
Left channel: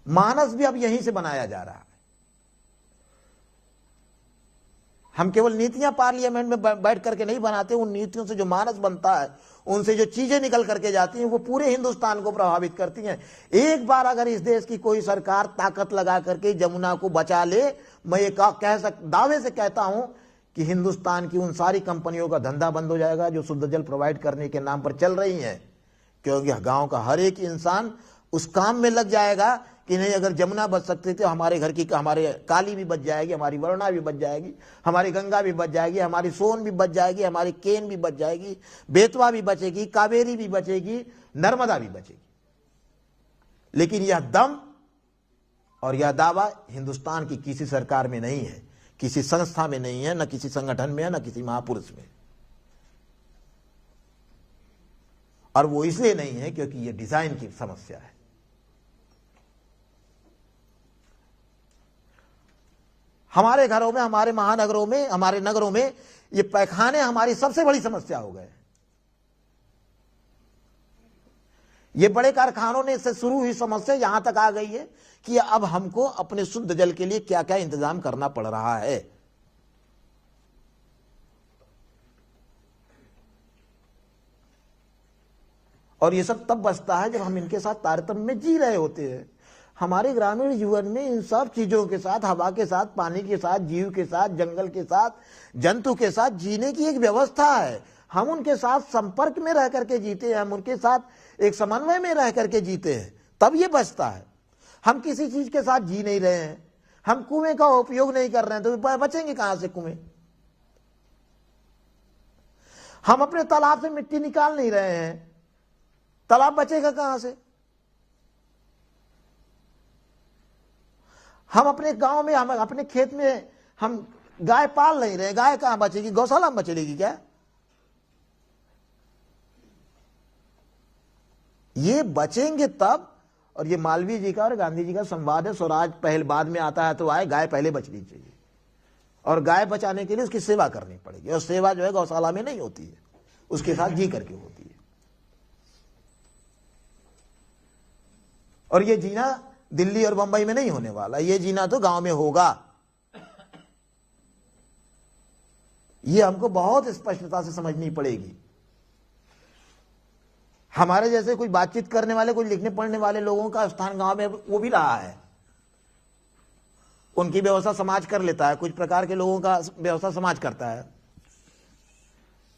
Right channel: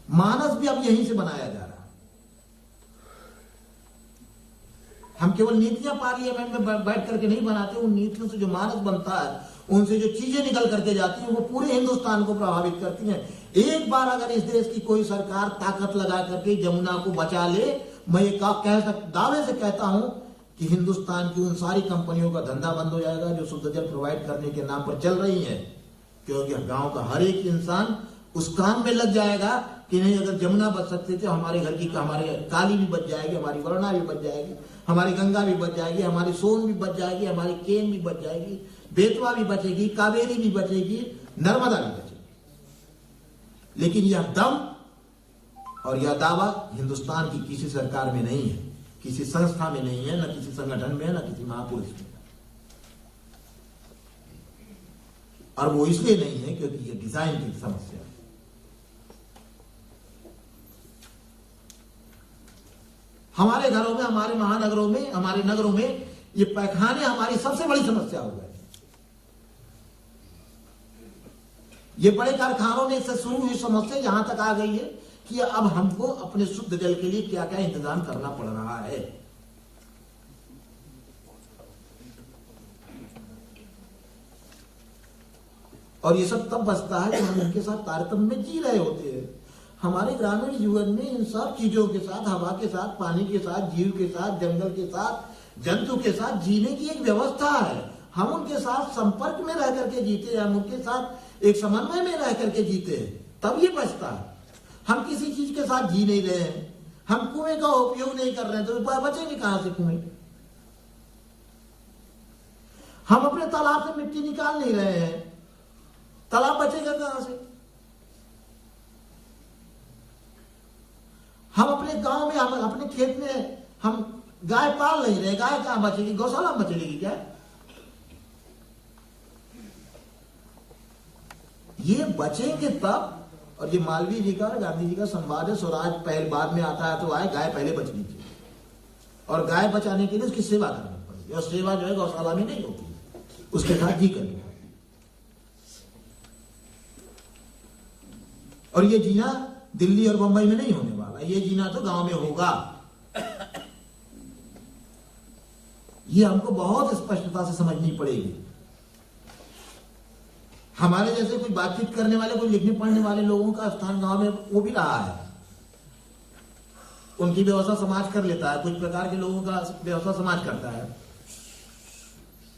मानस भी अब यहीं से बनाया जा रहा है। हम केवल नीतियां पार्लियामेंट में बैठ करके नहीं बनाते, उन नीतियों से जो मानस बनता है, उनसे जो चीजें निकल करके जाती हैं, वो पूरे हिंदुस्तान को प्रभावित करती हैं। एक बार अगर इस देश की कोई सरकार ताकत लगा करके जमुना को बचा ले, मैं ये दावे से कहता हूं कि हिंदुस्तान की उन सारी कंपनियों का धंधा बंद हो जाएगा जो शुद्ध जल प्रोवाइड करने के नाम पर चल रही हैं। क्योंकि गांव का हर एक इंसान उस काम में लग जाएगा कि नहीं, अगर जमुना बच सकते थे, हमारे घर की, हमारे काली भी बच जाएगी, हमारी वरुणा भी बच जाएगी, हमारी गंगा भी बच जाएगी, हमारी सोन भी बच जाएगी, हमारी केन भी बच जाएगी, बेतवा भी बचेगी, कावेरी भी बचेगी, नर्मदा भी बचेगी। लेकिन यह दम और यह दावा हिंदुस्तान की किसी सरकार में नहीं है, किसी संस्था में नहीं है, न किसी संगठन में है, न किसी महापुरुष में। और वो इसलिए नहीं है क्योंकि ये डिजाइन की समस्या है। हमारे घरों में, हमारे महानगरों में, हमारे नगरों में ये पैखाने हमारी सबसे बड़ी समस्या हो गए। ये बड़े कारखानों में से शुरू हुई समस्या यहां तक आ गई है कि अब हमको अपने शुद्ध जल के लिए क्या क्या इंतजाम करना पड़ रहा है। और ये सब तब बचता है जब हम इनके साथ तारतम्य में जी रहे होते हैं। हमारे ग्रामीण जीवन में इन सब चीजों के साथ, हवा के साथ, पानी के साथ, जीव के साथ, जंगल के साथ, जंतु के साथ जीने की एक व्यवस्था है। हम उनके साथ संपर्क में रह करके जीते हैं, हम उनके साथ एक समन्वय में रह करके जीते हैं। तब ये बचता है। हम किसी चीज के साथ जी नहीं रहे हैं, हम कुएं का उपयोग नहीं कर रहे हैं, तो बचेंगे कहां से कुएं? हम अपने तालाब से मिट्टी निकाल नहीं रहे हैं, तालाब बचेगा कहां से? हम अपने गांव में, हम अपने खेत में हम गाय पाल नहीं रहे, गाय कहां बचेगी? गौशाला में बचेगी क्या? ये बचेंगे तब। और ये मालवीय जी का और गांधी जी का संवाद है, स्वराज पहले बाद में आता है तो आए, गाय पहले बच लीजिए। और गाय बचाने के लिए उसकी सेवा करनी पड़ेगी, और सेवा जो है गौशाला में नहीं होती है, उसके साथ जी करके होती है। और ये जीना दिल्ली और बंबई में नहीं होने वाला, ये जीना तो गांव में होगा। ये हमको बहुत स्पष्टता से समझनी पड़ेगी। हमारे जैसे कुछ बातचीत करने वाले, कुछ लिखने पढ़ने वाले लोगों का स्थान गांव में वो भी रहा है, उनकी व्यवस्था समाज कर लेता है, कुछ प्रकार के लोगों का व्यवस्था समाज करता है,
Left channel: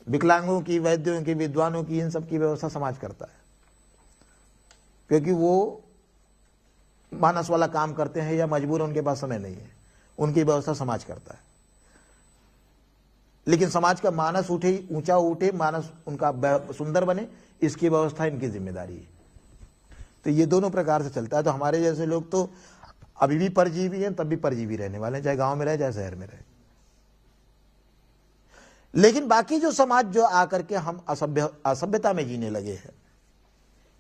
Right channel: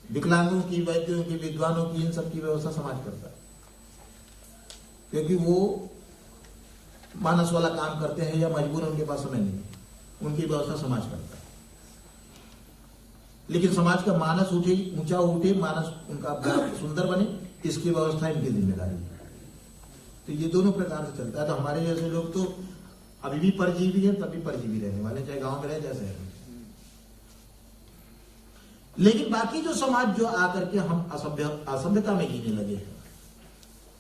विकलांगों की, वैद्यों की, विद्वानों की, इन सब की व्यवस्था समाज करता है, क्योंकि वो मानस वाला काम करते हैं या मजबूर, उनके पास समय नहीं है, उनकी व्यवस्था समाज करता है। लेकिन समाज का मानस उठे, ऊंचा उठे, मानस उनका सुंदर बने, इसकी व्यवस्था इनकी जिम्मेदारी है। तो ये दोनों प्रकार से चलता है। तो हमारे जैसे लोग तो अभी भी परजीवी हैं, तब भी परजीवी रहने वाले, चाहे गांव में रहे चाहे शहर में रहे। लेकिन बाकी जो समाज जो आकर के हम असभ्यता में जीने लगे हैं,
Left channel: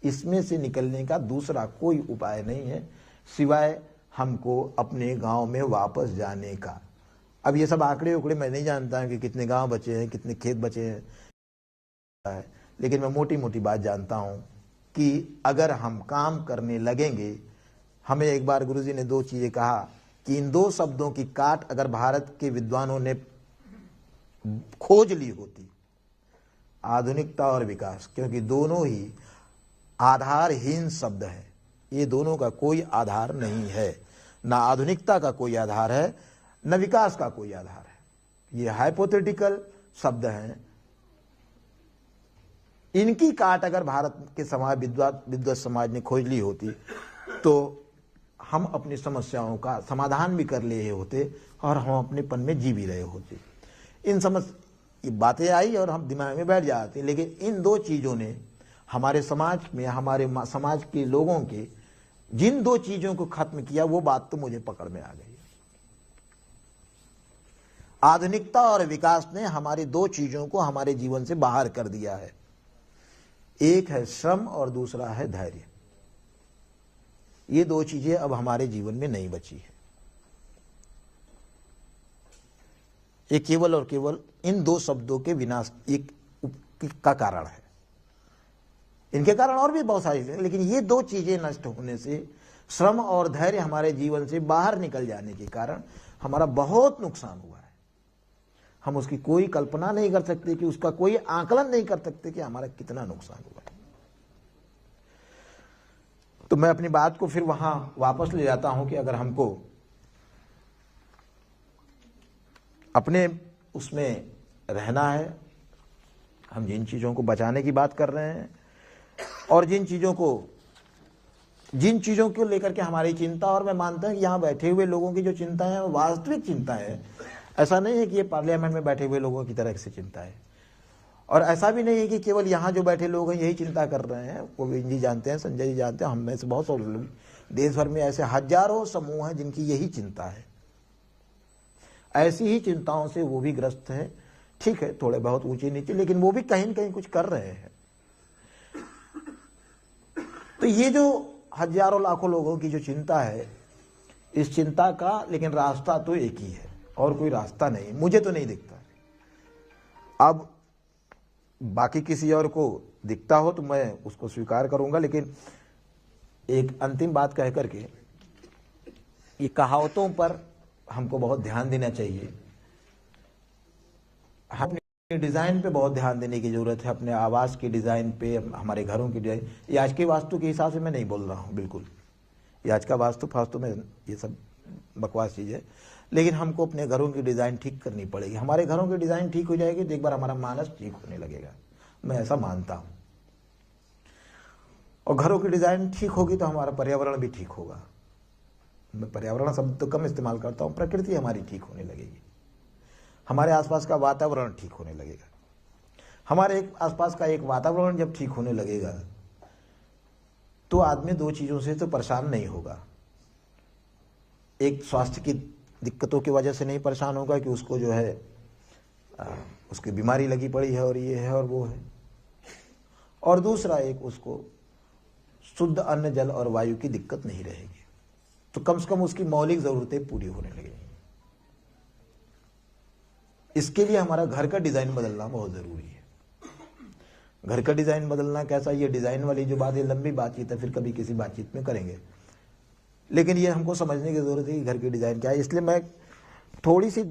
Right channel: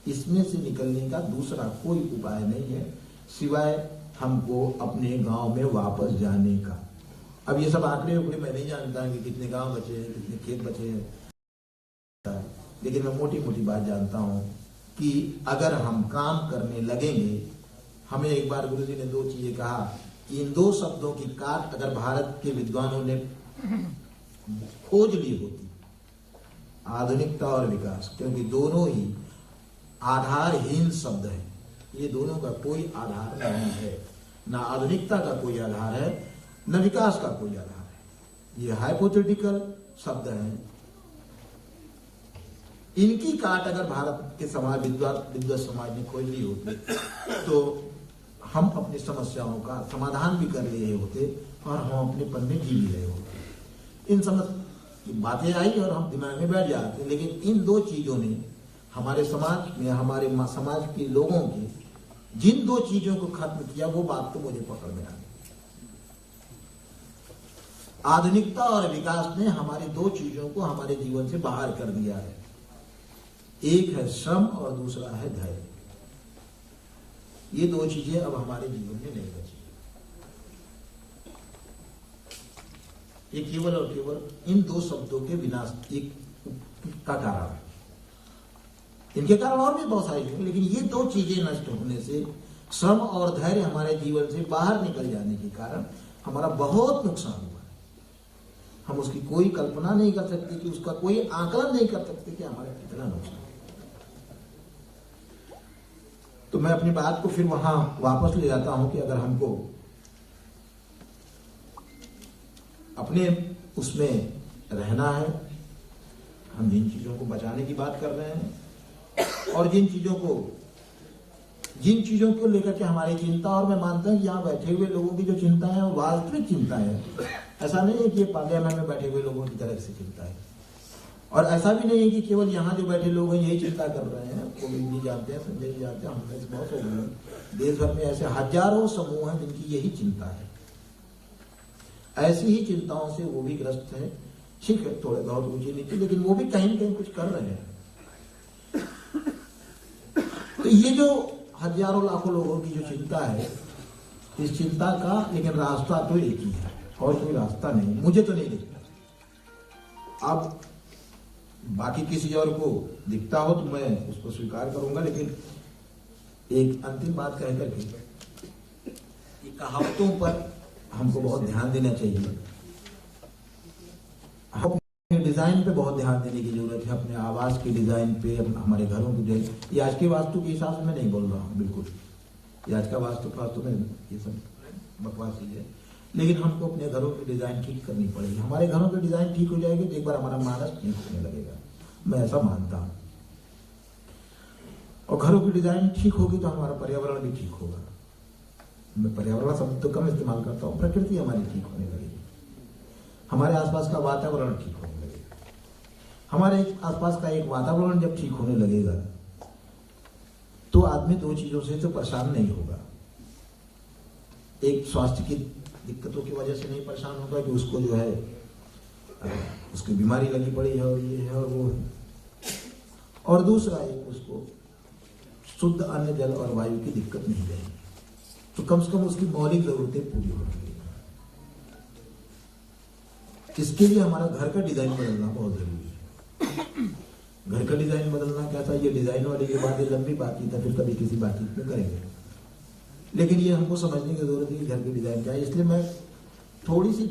इसमें से निकलने का दूसरा कोई उपाय नहीं है सिवाय हमको अपने गांव में वापस जाने का। अब ये सब आंकड़े उकड़े मैं नहीं जानता कि कितने गांव बचे हैं, कितने खेत बचे हैं, लेकिन मैं मोटी मोटी बात जानता हूं कि अगर हम काम करने लगेंगे, हमें एक बार गुरुजी ने दो चीजें कहा कि इन दो शब्दों की काट अगर भारत के विद्वानों ने खोज ली होती, आधुनिकता और विकास, क्योंकि दोनों ही आधारहीन शब्द है, ये दोनों का कोई आधार नहीं है, ना आधुनिकता का कोई आधार है, न विकास का कोई आधार है, ये हाइपोथेटिकल शब्द हैं। इनकी काट अगर भारत के समाज विद्वत समाज ने खोज ली होती तो हम अपनी समस्याओं का समाधान भी कर लिए होते और हम अपनेपन में जी भी रहे होते। इन बातें आई और हम दिमाग में बैठ जाते, लेकिन इन दो चीजों ने हमारे समाज में, हमारे समाज के लोगों के जिन दो चीजों को खत्म किया, वो बात तो मुझे पकड़ में आ गई। आधुनिकता और विकास ने हमारी दो चीजों को हमारे जीवन से बाहर कर दिया है, एक है श्रम और दूसरा है धैर्य। ये दो चीजें अब हमारे जीवन में नहीं बची है। ये केवल और केवल इन दो शब्दों के विनाश एक का कारण है। इनके कारण और भी बहुत सारी चीजें, लेकिन ये दो चीजें नष्ट होने से, श्रम और धैर्य हमारे जीवन से बाहर निकल जाने के कारण हमारा बहुत नुकसान हुआ है। हम उसकी कोई कल्पना नहीं कर सकते कि उसका कोई आकलन नहीं कर सकते कि हमारा कितना नुकसान हुआ। तो मैं अपनी बात को फिर वहां वापस ले जाता हूं कि अगर हमको अपने उसमें रहना है, हम जिन चीजों को बचाने की बात कर रहे हैं और जिन चीजों को लेकर के हमारी चिंता, और मैं मानता हूं यहाँ बैठे हुए लोगों की जो चिंता है वो वास्तविक चिंता है। ऐसा नहीं है कि ये पार्लियामेंट में बैठे हुए लोगों की तरह से चिंता है, और ऐसा भी नहीं है कि केवल यहाँ जो बैठे लोग हैं यही चिंता कर रहे हैं। गोविंद जी जानते हैं, संजय जी जानते हैं, हम में से बहुत लोग हैं, देश भर में ऐसे हजारों समूह हैं जिनकी यही चिंता है। ऐसी ही चिंताओं से वो भी ग्रस्त है। ठीक है, थोड़े बहुत ऊंचे नीचे, लेकिन वो भी कहीं न कहीं कुछ कर रहे हैं। तो ये जो हजारों लाखों लोगों की जो चिंता है, इस चिंता का लेकिन रास्ता तो एक ही है, और कोई रास्ता नहीं, मुझे तो नहीं दिखता। अब बाकी किसी और को दिखता हो तो मैं उसको स्वीकार करूंगा, लेकिन एक अंतिम बात कह करके, ये कहावतों पर हमको बहुत ध्यान देना चाहिए। हम डिजाइन पे बहुत ध्यान देने की जरूरत है, अपने आवास की डिजाइन पे, हमारे घरों की डिजाइन। ये आज के वास्तु के हिसाब से मैं नहीं बोल रहा हूँ, बिल्कुल ये आज का वास्तु में ये सब बकवास चीज है, लेकिन हमको अपने घरों की डिजाइन ठीक करनी पड़ेगी। हमारे घरों की डिजाइन ठीक हो जाएगी तो एक बार हमारा मानस ठीक होने लगेगा, मैं ऐसा मानता हूं। और घरों की डिजाइन ठीक होगी तो हमारा पर्यावरण भी ठीक होगा। मैं पर्यावरण शब्द तो कम इस्तेमाल करता हूँ, प्रकृति हमारी ठीक होने लगेगी, हमारे आसपास का वातावरण ठीक होने लगेगा। हमारे आसपास का एक वातावरण जब ठीक होने लगेगा तो आदमी दो चीजों से तो परेशान नहीं होगा। एक स्वास्थ्य की दिक्कतों की वजह से नहीं परेशान होगा कि उसको जो है उसकी बीमारी लगी पड़ी है और ये है और वो है, और दूसरा एक उसको शुद्ध अन्न जल और वायु की दिक्कत नहीं रहेगी, तो कम से कम उसकी मौलिक जरूरतें पूरी होने लगेगी। इसके लिए हमारा घर का डिजाइन बदलना बहुत जरूरी है। घर का डिजाइन बदलना कैसा, ये डिजाइन वाली जो बात है लंबी बातचीत है, फिर कभी किसी बातचीत में करेंगे, लेकिन ये हमको समझने की जरूरत है कि घर की डिजाइन क्या है। इसलिए मैं थोड़ी सी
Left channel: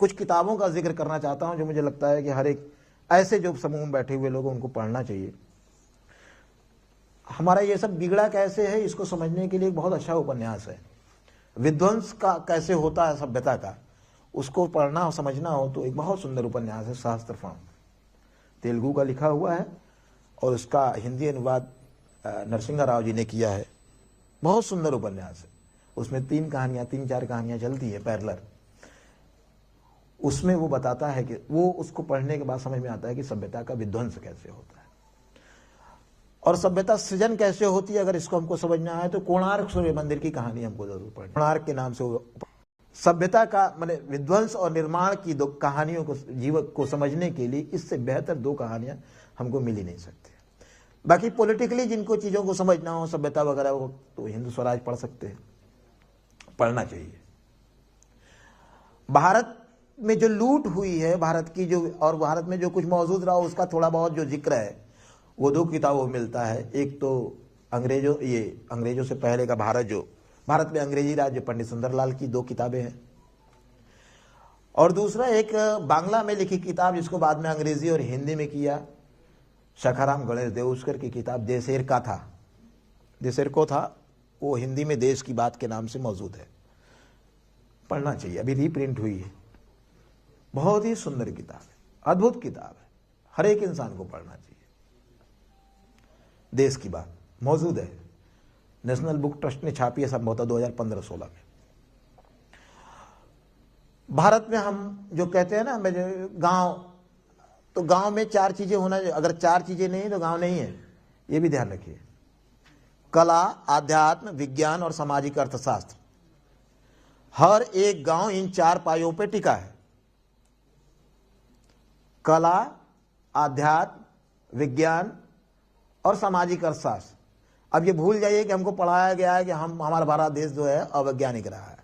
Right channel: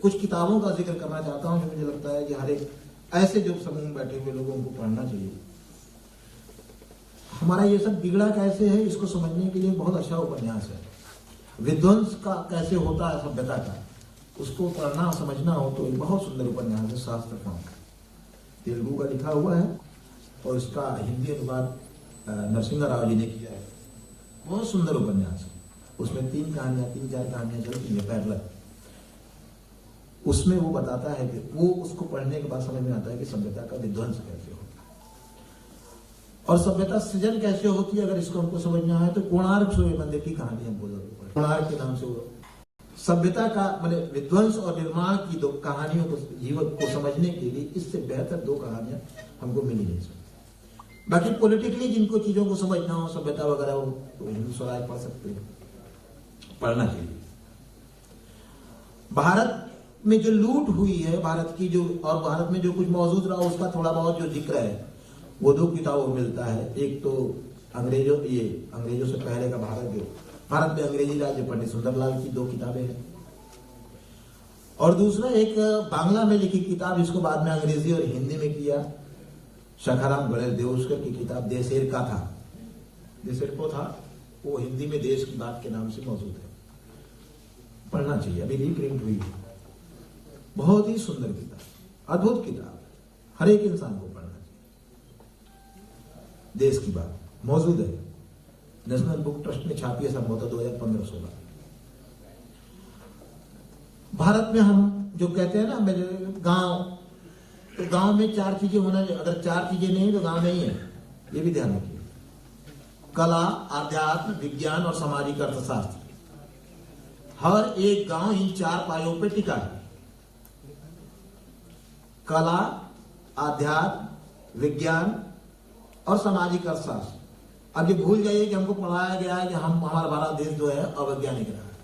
कुछ किताबों का जिक्र करना चाहता हूं जो मुझे लगता है कि हर एक ऐसे जो समूह में बैठे हुए लोगों उनको पढ़ना चाहिए। हमारा ये सब बिगड़ा कैसे है इसको समझने के लिए बहुत अच्छा उपन्यास है। विध्वंस का कैसे होता है सभ्यता का, उसको पढ़ना और समझना हो तो एक बहुत सुंदर उपन्यास है सहस्त्रफाम का, तेलुगु का लिखा हुआ है और उसका हिंदी अनुवाद नरसिंह राव जी ने किया है। बहुत सुंदर उपन्यास है, उसमें तीन चार कहानियां चलती है पैरेलल। उसमें वो बताता है कि वो उसको पढ़ने के बाद समझ में आता है कि सभ्यता का विध्वंस कैसे होता है और सभ्यता सृजन कैसे होती है। अगर इसको हमको समझना है तो कोणार्क सूर्य मंदिर की कहानी हमको जरूर पढ़नी। कोणार्क के नाम से सभ्यता का मतलब विध्वंस और निर्माण की दो कहानियों को, जीवन को समझने के लिए इससे बेहतर दो कहानियां हमको मिल ही नहीं सकती। बाकी पॉलिटिकली जिनको चीजों को समझना हो सभ्यता वगैरह हो तो हिंदू स्वराज पढ़ सकते हैं, पढ़ना चाहिए। भारत में जो लूट हुई है भारत की, जो और भारत में जो कुछ मौजूद रहा उसका थोड़ा बहुत जो जिक्र है वो दो किताबों में मिलता है। एक तो अंग्रेजों से पहले का भारत में अंग्रेजी राज्य पंडित सुंदरलाल की दो किताबें हैं, और दूसरा एक बांग्ला में लिखी किताब जिसको बाद में अंग्रेजी और हिंदी में किया, शखाराम गणेश देवस्कर की किताब देशेर को था, वो हिंदी में देश की बात के नाम से मौजूद है, पढ़ना चाहिए। अभी रीप्रिंट हुई है, बहुत ही सुंदर किताब, अद्भुत किताब है, हर एक इंसान को पढ़ना चाहिए। देश की बात मौजूद है, नेशनल बुक ट्रस्ट ने छापी है संभवतः 2015-16 में। भारत में हम जो कहते हैं ना मेरे गांव, तो गांव में चार चीजें होना चाहिए। अगर चार चीजें नहीं तो गांव नहीं है, ये भी ध्यान रखिए। कला, आध्यात्म, विज्ञान और सामाजिक अर्थशास्त्र, हर एक गांव इन चार पायों पर टिका है। कला, आध्यात्म, विज्ञान और सामाजिक अर्थशास्त्र। अब ये भूल जाइए कि हमको पढ़ाया गया है कि हमारा भारत देश जो है अवैज्ञानिक रहा है।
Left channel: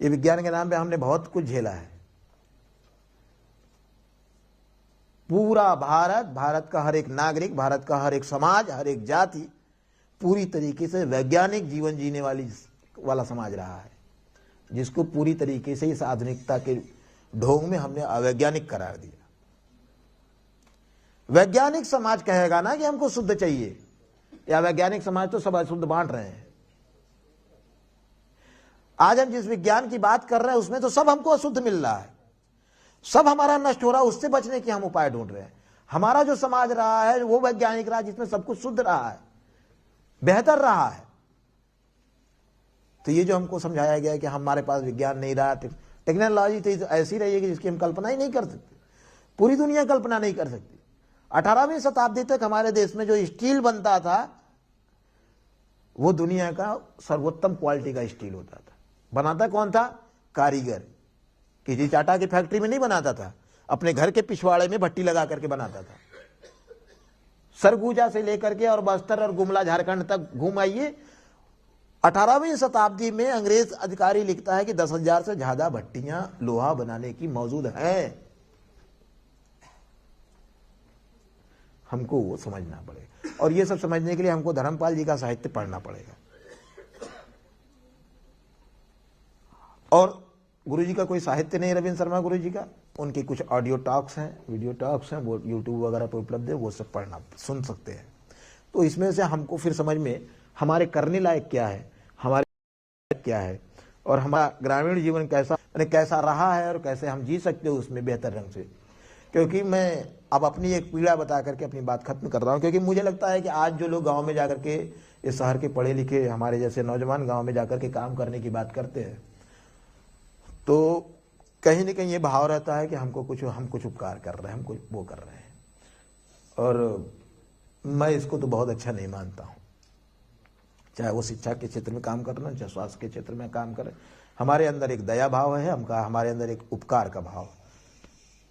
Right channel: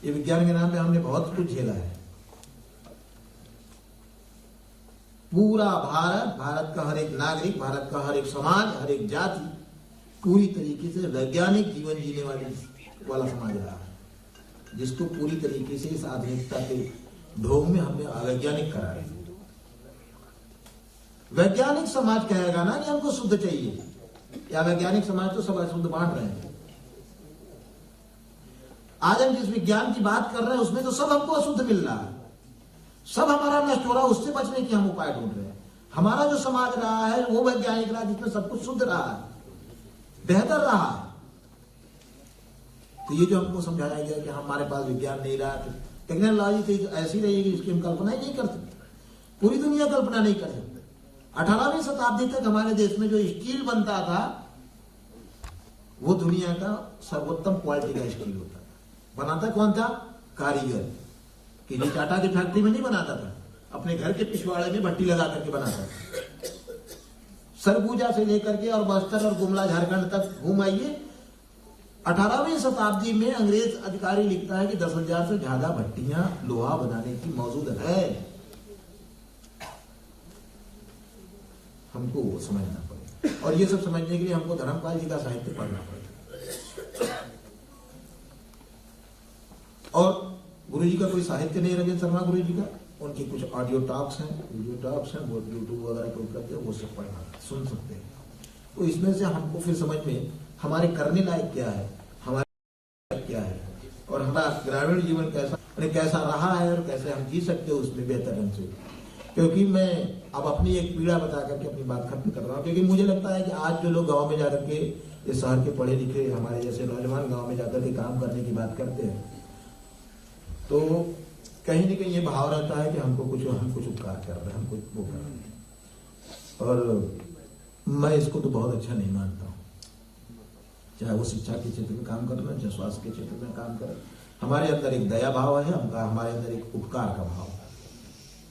ये विज्ञान के नाम पे हमने बहुत कुछ झेला है। पूरा भारत का हर एक नागरिक, भारत का हर एक समाज, हर एक जाति पूरी तरीके से वैज्ञानिक जीवन जीने वाला समाज रहा है, जिसको पूरी तरीके से इस आधुनिकता के ढोंग में हमने अवैज्ञानिक करा है। वैज्ञानिक समाज कहेगा ना कि हमको शुद्ध चाहिए, या वैज्ञानिक समाज तो सब अशुद्ध बांट रहे हैं। आज हम जिस विज्ञान की बात कर रहे हैं उसमें तो सब हमको अशुद्ध मिल रहा है, सब हमारा नष्ट हो रहा है, उससे बचने के हम उपाय ढूंढ रहे हैं। हमारा जो समाज रहा है वो वैज्ञानिक रहा जिसमें सब कुछ शुद्ध रहा है, बेहतर रहा है। तो ये जो हमको समझाया गया कि हमारे पास विज्ञान नहीं रहा, टेक्नोलॉजी तो ऐसी रही है कि जिसकी हम कल्पना ही नहीं कर सकते, पूरी दुनिया कल्पना नहीं कर सकती। 18वीं शताब्दी तक हमारे देश में जो स्टील बनता था वो दुनिया का सर्वोत्तम क्वालिटी का स्टील होता था। बनाता कौन था? कारीगर। किसी टाटा की फैक्ट्री में नहीं बनाता था, अपने घर के पिछवाड़े में भट्टी लगा करके बनाता था। सरगुजा से लेकर के और बस्तर और गुमला झारखंड तक घूम आइए, 18वीं शताब्दी में अंग्रेज अधिकारी लिखता है कि 10,000 से ज्यादा भट्टियां लोहा बनाने की मौजूद है। हमको वो समझना पड़ेगा, और ये सब समझने के लिए हमको धर्मपाल जी का साहित्य पढ़ना पड़ेगा। और गुरुजी का कोई साहित्य नहीं, रविंद्र शर्मा गुरुजी का, उनकी कुछ ऑडियो टॉक्स हैं, वीडियो टॉक्स हैं, वो यूट्यूब वगैरह पर उपलब्ध है, वो सब पढ़ना सुन सकते हैं। तो इसमें से हमको फिर समझ में हमारे करने लायक क्या है, हमारे क्या है, और हमारा ग्रामीण जीवन कैसा रहा है और कैसे हम जी सकते हो उसमें बेहतर ढंग से। क्योंकि मैं अब अपनी एक पीड़ा बता करके अपनी बात खत्म कर रहा हूँ, क्योंकि मुझे लगता है कि आज जो लोग गांव में जाकर के, इस शहर के पढ़े लिखे हमारे जैसे नौजवान गांव में जाकर के काम करने की बात करते हैं, तो कहीं न कहीं ये भाव रहता है कि हम कुछ उपकार कर रहे हैं, हम कुछ वो कर रहे हैं, और मैं इसको तो बहुत अच्छा नहीं मानता हूँ। चाहे वो शिक्षा के क्षेत्र में काम करना, चाहे स्वास्थ्य के क्षेत्र में काम करें, हमारे अंदर एक दया भाव है, हमारे अंदर एक उपकार का भाव है।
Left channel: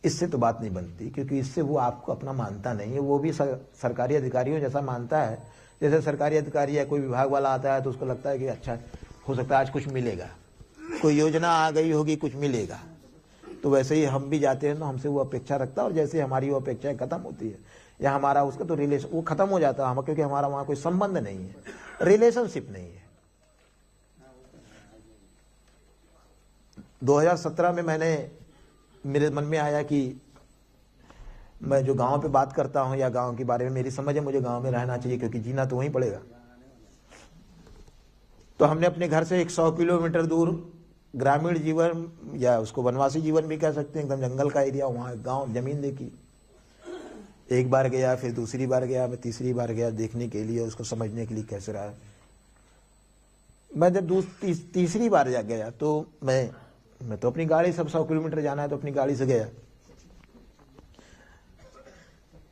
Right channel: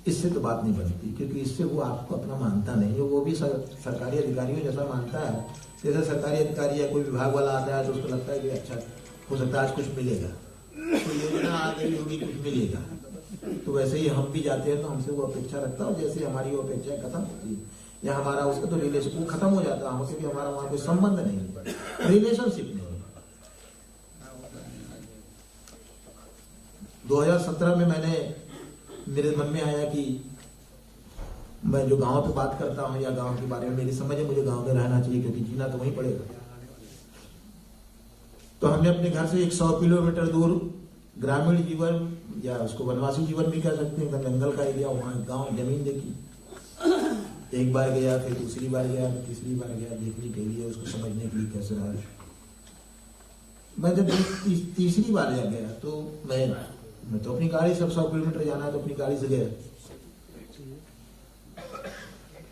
इससे तो बात नहीं बनती, क्योंकि इससे वो आपको अपना मानता नहीं है, वो भी सरकारी अधिकारियों जैसा मानता है। जैसे सरकारी अधिकारी या कोई विभाग वाला आता है तो उसको लगता है कि अच्छा हो सकता है आज कुछ मिलेगा, कोई योजना आ गई होगी, कुछ मिलेगा। तो वैसे ही हम भी जाते हैं तो हमसे वो अपेक्षा रखता है, और जैसे हमारी वो अपेक्षाएं खत्म होती है या हमारा उसका तो रिलेशन वो खत्म हो जाता है, क्योंकि हमारा वहाँ कोई संबंध नहीं है, रिलेशनशिप नहीं है। 2017 में मेरे मन में आया कि मैं जो गांव पे बात करता हूँ या गांव के बारे में मेरी समझ है, मुझे गांव में रहना चाहिए, क्योंकि जीना तो वहीं पड़ेगा। तो हमने अपने घर से 100 किलोमीटर दूर ग्रामीण जीवन, या उसको वनवासी जीवन भी कह सकते हैं, एकदम जंगल का एरिया, वहाँ गांव जमीन देखी। एक बार गया, फिर दूसरी बार गया, फिर तीसरी बार गया देखने के लिए, उसको समझने के लिए कैसे रहा। मैं जब तीसरी बार जा गया तो मैं तो अपनी गाड़ी, सब 100 किलोमीटर जाना है तो अपनी गाड़ी से गया।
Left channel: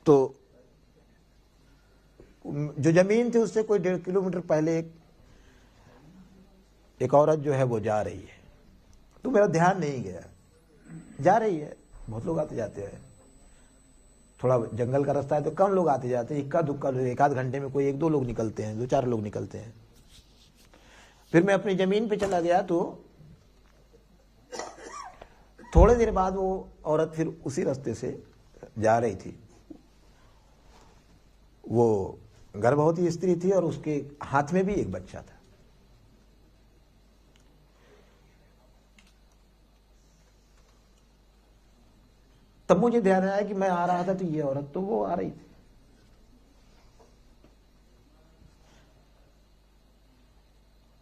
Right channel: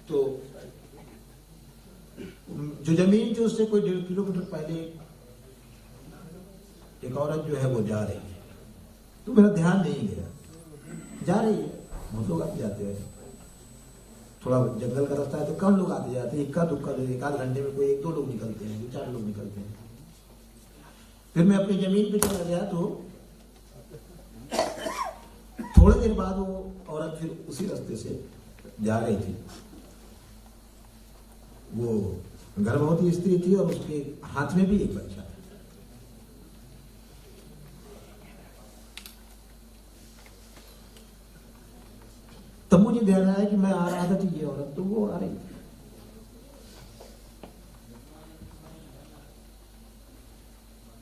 तो जो जमीन थी उससे कोई 1.5 किलोमीटर पहले एक औरत जो है वो जा रही है, तो मेरा ध्यान नहीं गया, जा रही है, बहुत लोग आते जाते हैं, थोड़ा जंगल का रास्ता है तो कम लोग आते जाते हैं, इक्का दुक्का, एक आध घंटे में कोई 1-2 लोग निकलते हैं, 2-4 लोग निकलते हैं। फिर मैं अपनी जमीन पे चला गया, तो थोड़ी देर बाद वो औरत फिर उसी रास्ते से जा रही थी। वो गर्भवती स्त्री थी और उसके हाथ में भी एक बच्चा था। तब मुझे ध्यान आया कि मैं आ रहा था तो ये औरत तो वो आ रही थी।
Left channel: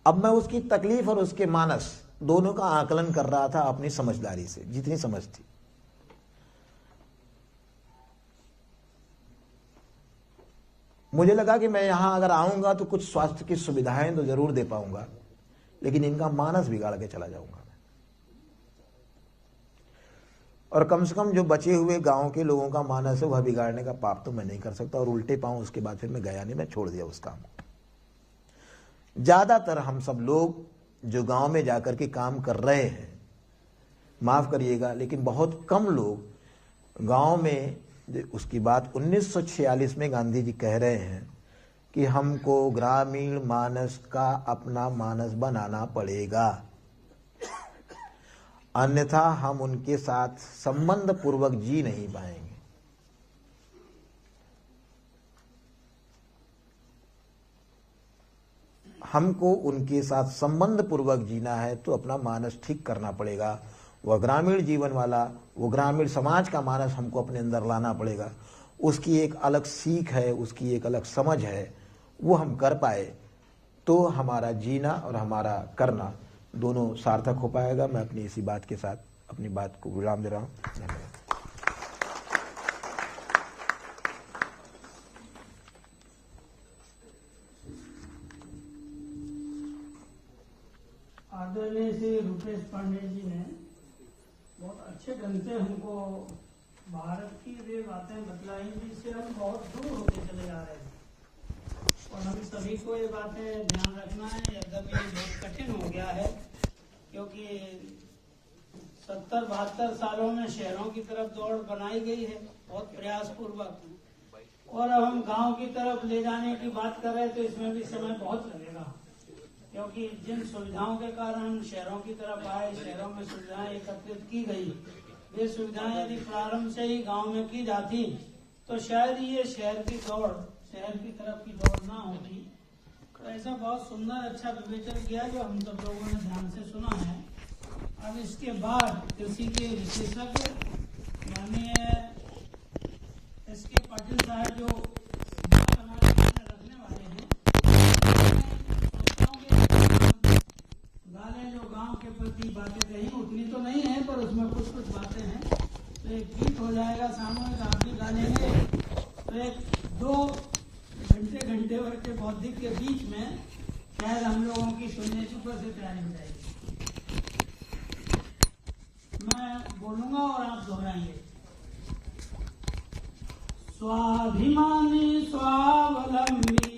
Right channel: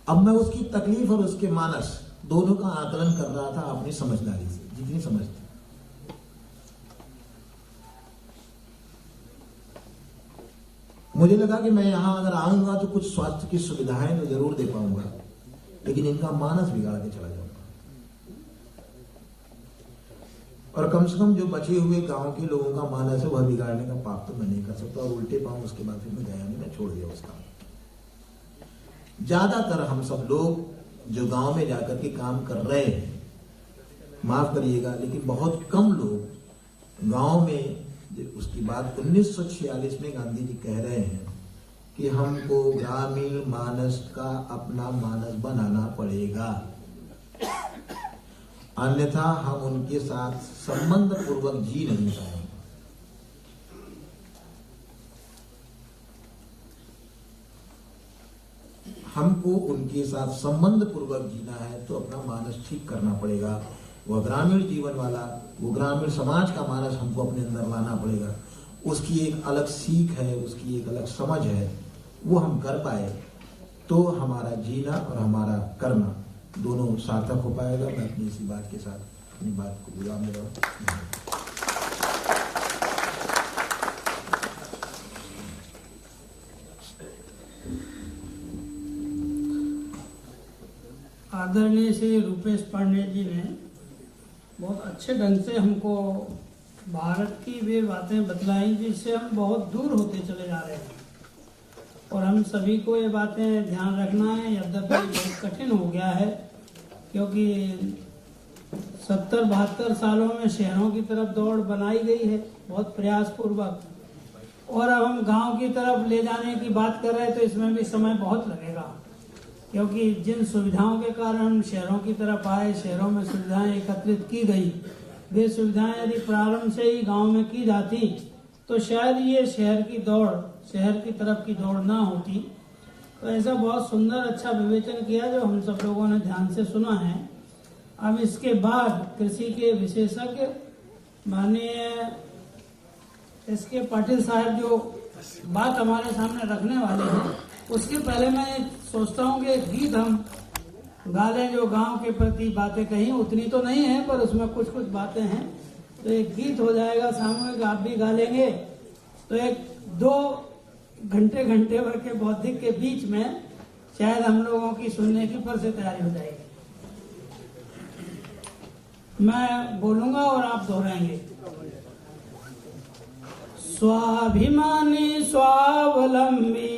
अब मैं उसकी तकलीफ और उसके मानस दोनों का आकलन कर रहा था अपनी समझदारी से, जितनी समझ थी। मुझे लगा कि मैं यहां अगर आऊंगा तो कुछ स्वास्थ्य की सुविधाएं तो जरूर दे पाऊंगा, लेकिन इनका मानस बिगाड़ के चला जाऊंगा। और कम से कम जो बचे हुए गांव के लोगों का मानस है वह बिगाड़ने का पाप तो मैं नहीं कर सकता। और उल्टे पांव उसके बाद फिर मैं गया नहीं, मैं छोड़ दिया उसका। ज्यादातर हम सब लोग जो गांव में जाकर के काम कर रहे हैं, माफ करिएगा, लेकिन बहुत कम लोग गांव में, उसकी बात 1946 में गांधी जी कह रहे हैं कि हमको ग्रामीण मानस का अपना मानस बनाना पड़ेगा, अन्यथा हम उनके साथ संबंध पूर्वक जी नहीं पाएंगे। हमको उनके साथ संबंध पूर्वक जीना है तो अपना मानस ठीक करना पड़ेगा। वह ग्रामीण जीवन वाला, वो ग्रामीण समाज का मानस हमको अपने अंदर लाना पड़ेगा। उसकी एक अलग सीख है, उसकी एक अलग समझ है, वो हम कर पाए तो हमारा जीना और हमारा करना दोनों सार्थक हो पाएगा। मैं अपनी इसी बात के साथ अपनी बात को विराम दे रहा हूँ। आदरणीय श्री रूपेश पांडे जी ने बहुत अच्छे ढंग से हमको भारत की वे बातें बतलाई जिससे हम बहुत दूर होते चले जा रहे हैं, और हम सभी को ये बातें ध्यान रखना है। यद्यपि बहुत कठिन हो गया है, क्योंकि 70-72 सालों में शहरों की तरफ दौड़ बनाई गई है बहुत प्रयास पूर्वक, और अब हम गांव की तरफ ले जाने की बात कर रहे हैं तो इसमें भी समय बहुत लगेगा, क्योंकि जिन सुविधाओं के कारण हम शहरों की तरफ आए, शहरों में सुविधाएं एकत्रित की गई, वे सुविधाएं यदि प्रारंभ से ही गांव में की जाती तो शायद ये शहर की तरफ की दौड़ ना होती। तो ऐसा बहुत सुंदर अच्छा विवेचन किया जो हम सब लोगों ने ध्यान से सुना है। अब इसके बाद कृषि के विशेषज्ञ माननीय SK पाटिल साहब जो बात हमारे सामने रखने वाले हैं, उसके बारे में सोचता हूँ कि हम गाले जो गांव के प्रति बातें कही उतनी तो नहीं है, पर उसमें कुछ बातें हैं तो एक गीत हो जाएगा सामूहिक, आप भी गा लेंगे, तो एक 2 घंटे भर के बौद्धिक के बीच में शायद हम लोगों की सुनने की फिर से तैयारी हो जाएगी। मैं बोलूंगा और आप दोहराएंगे। स्वाभिमानी स्वावलंबी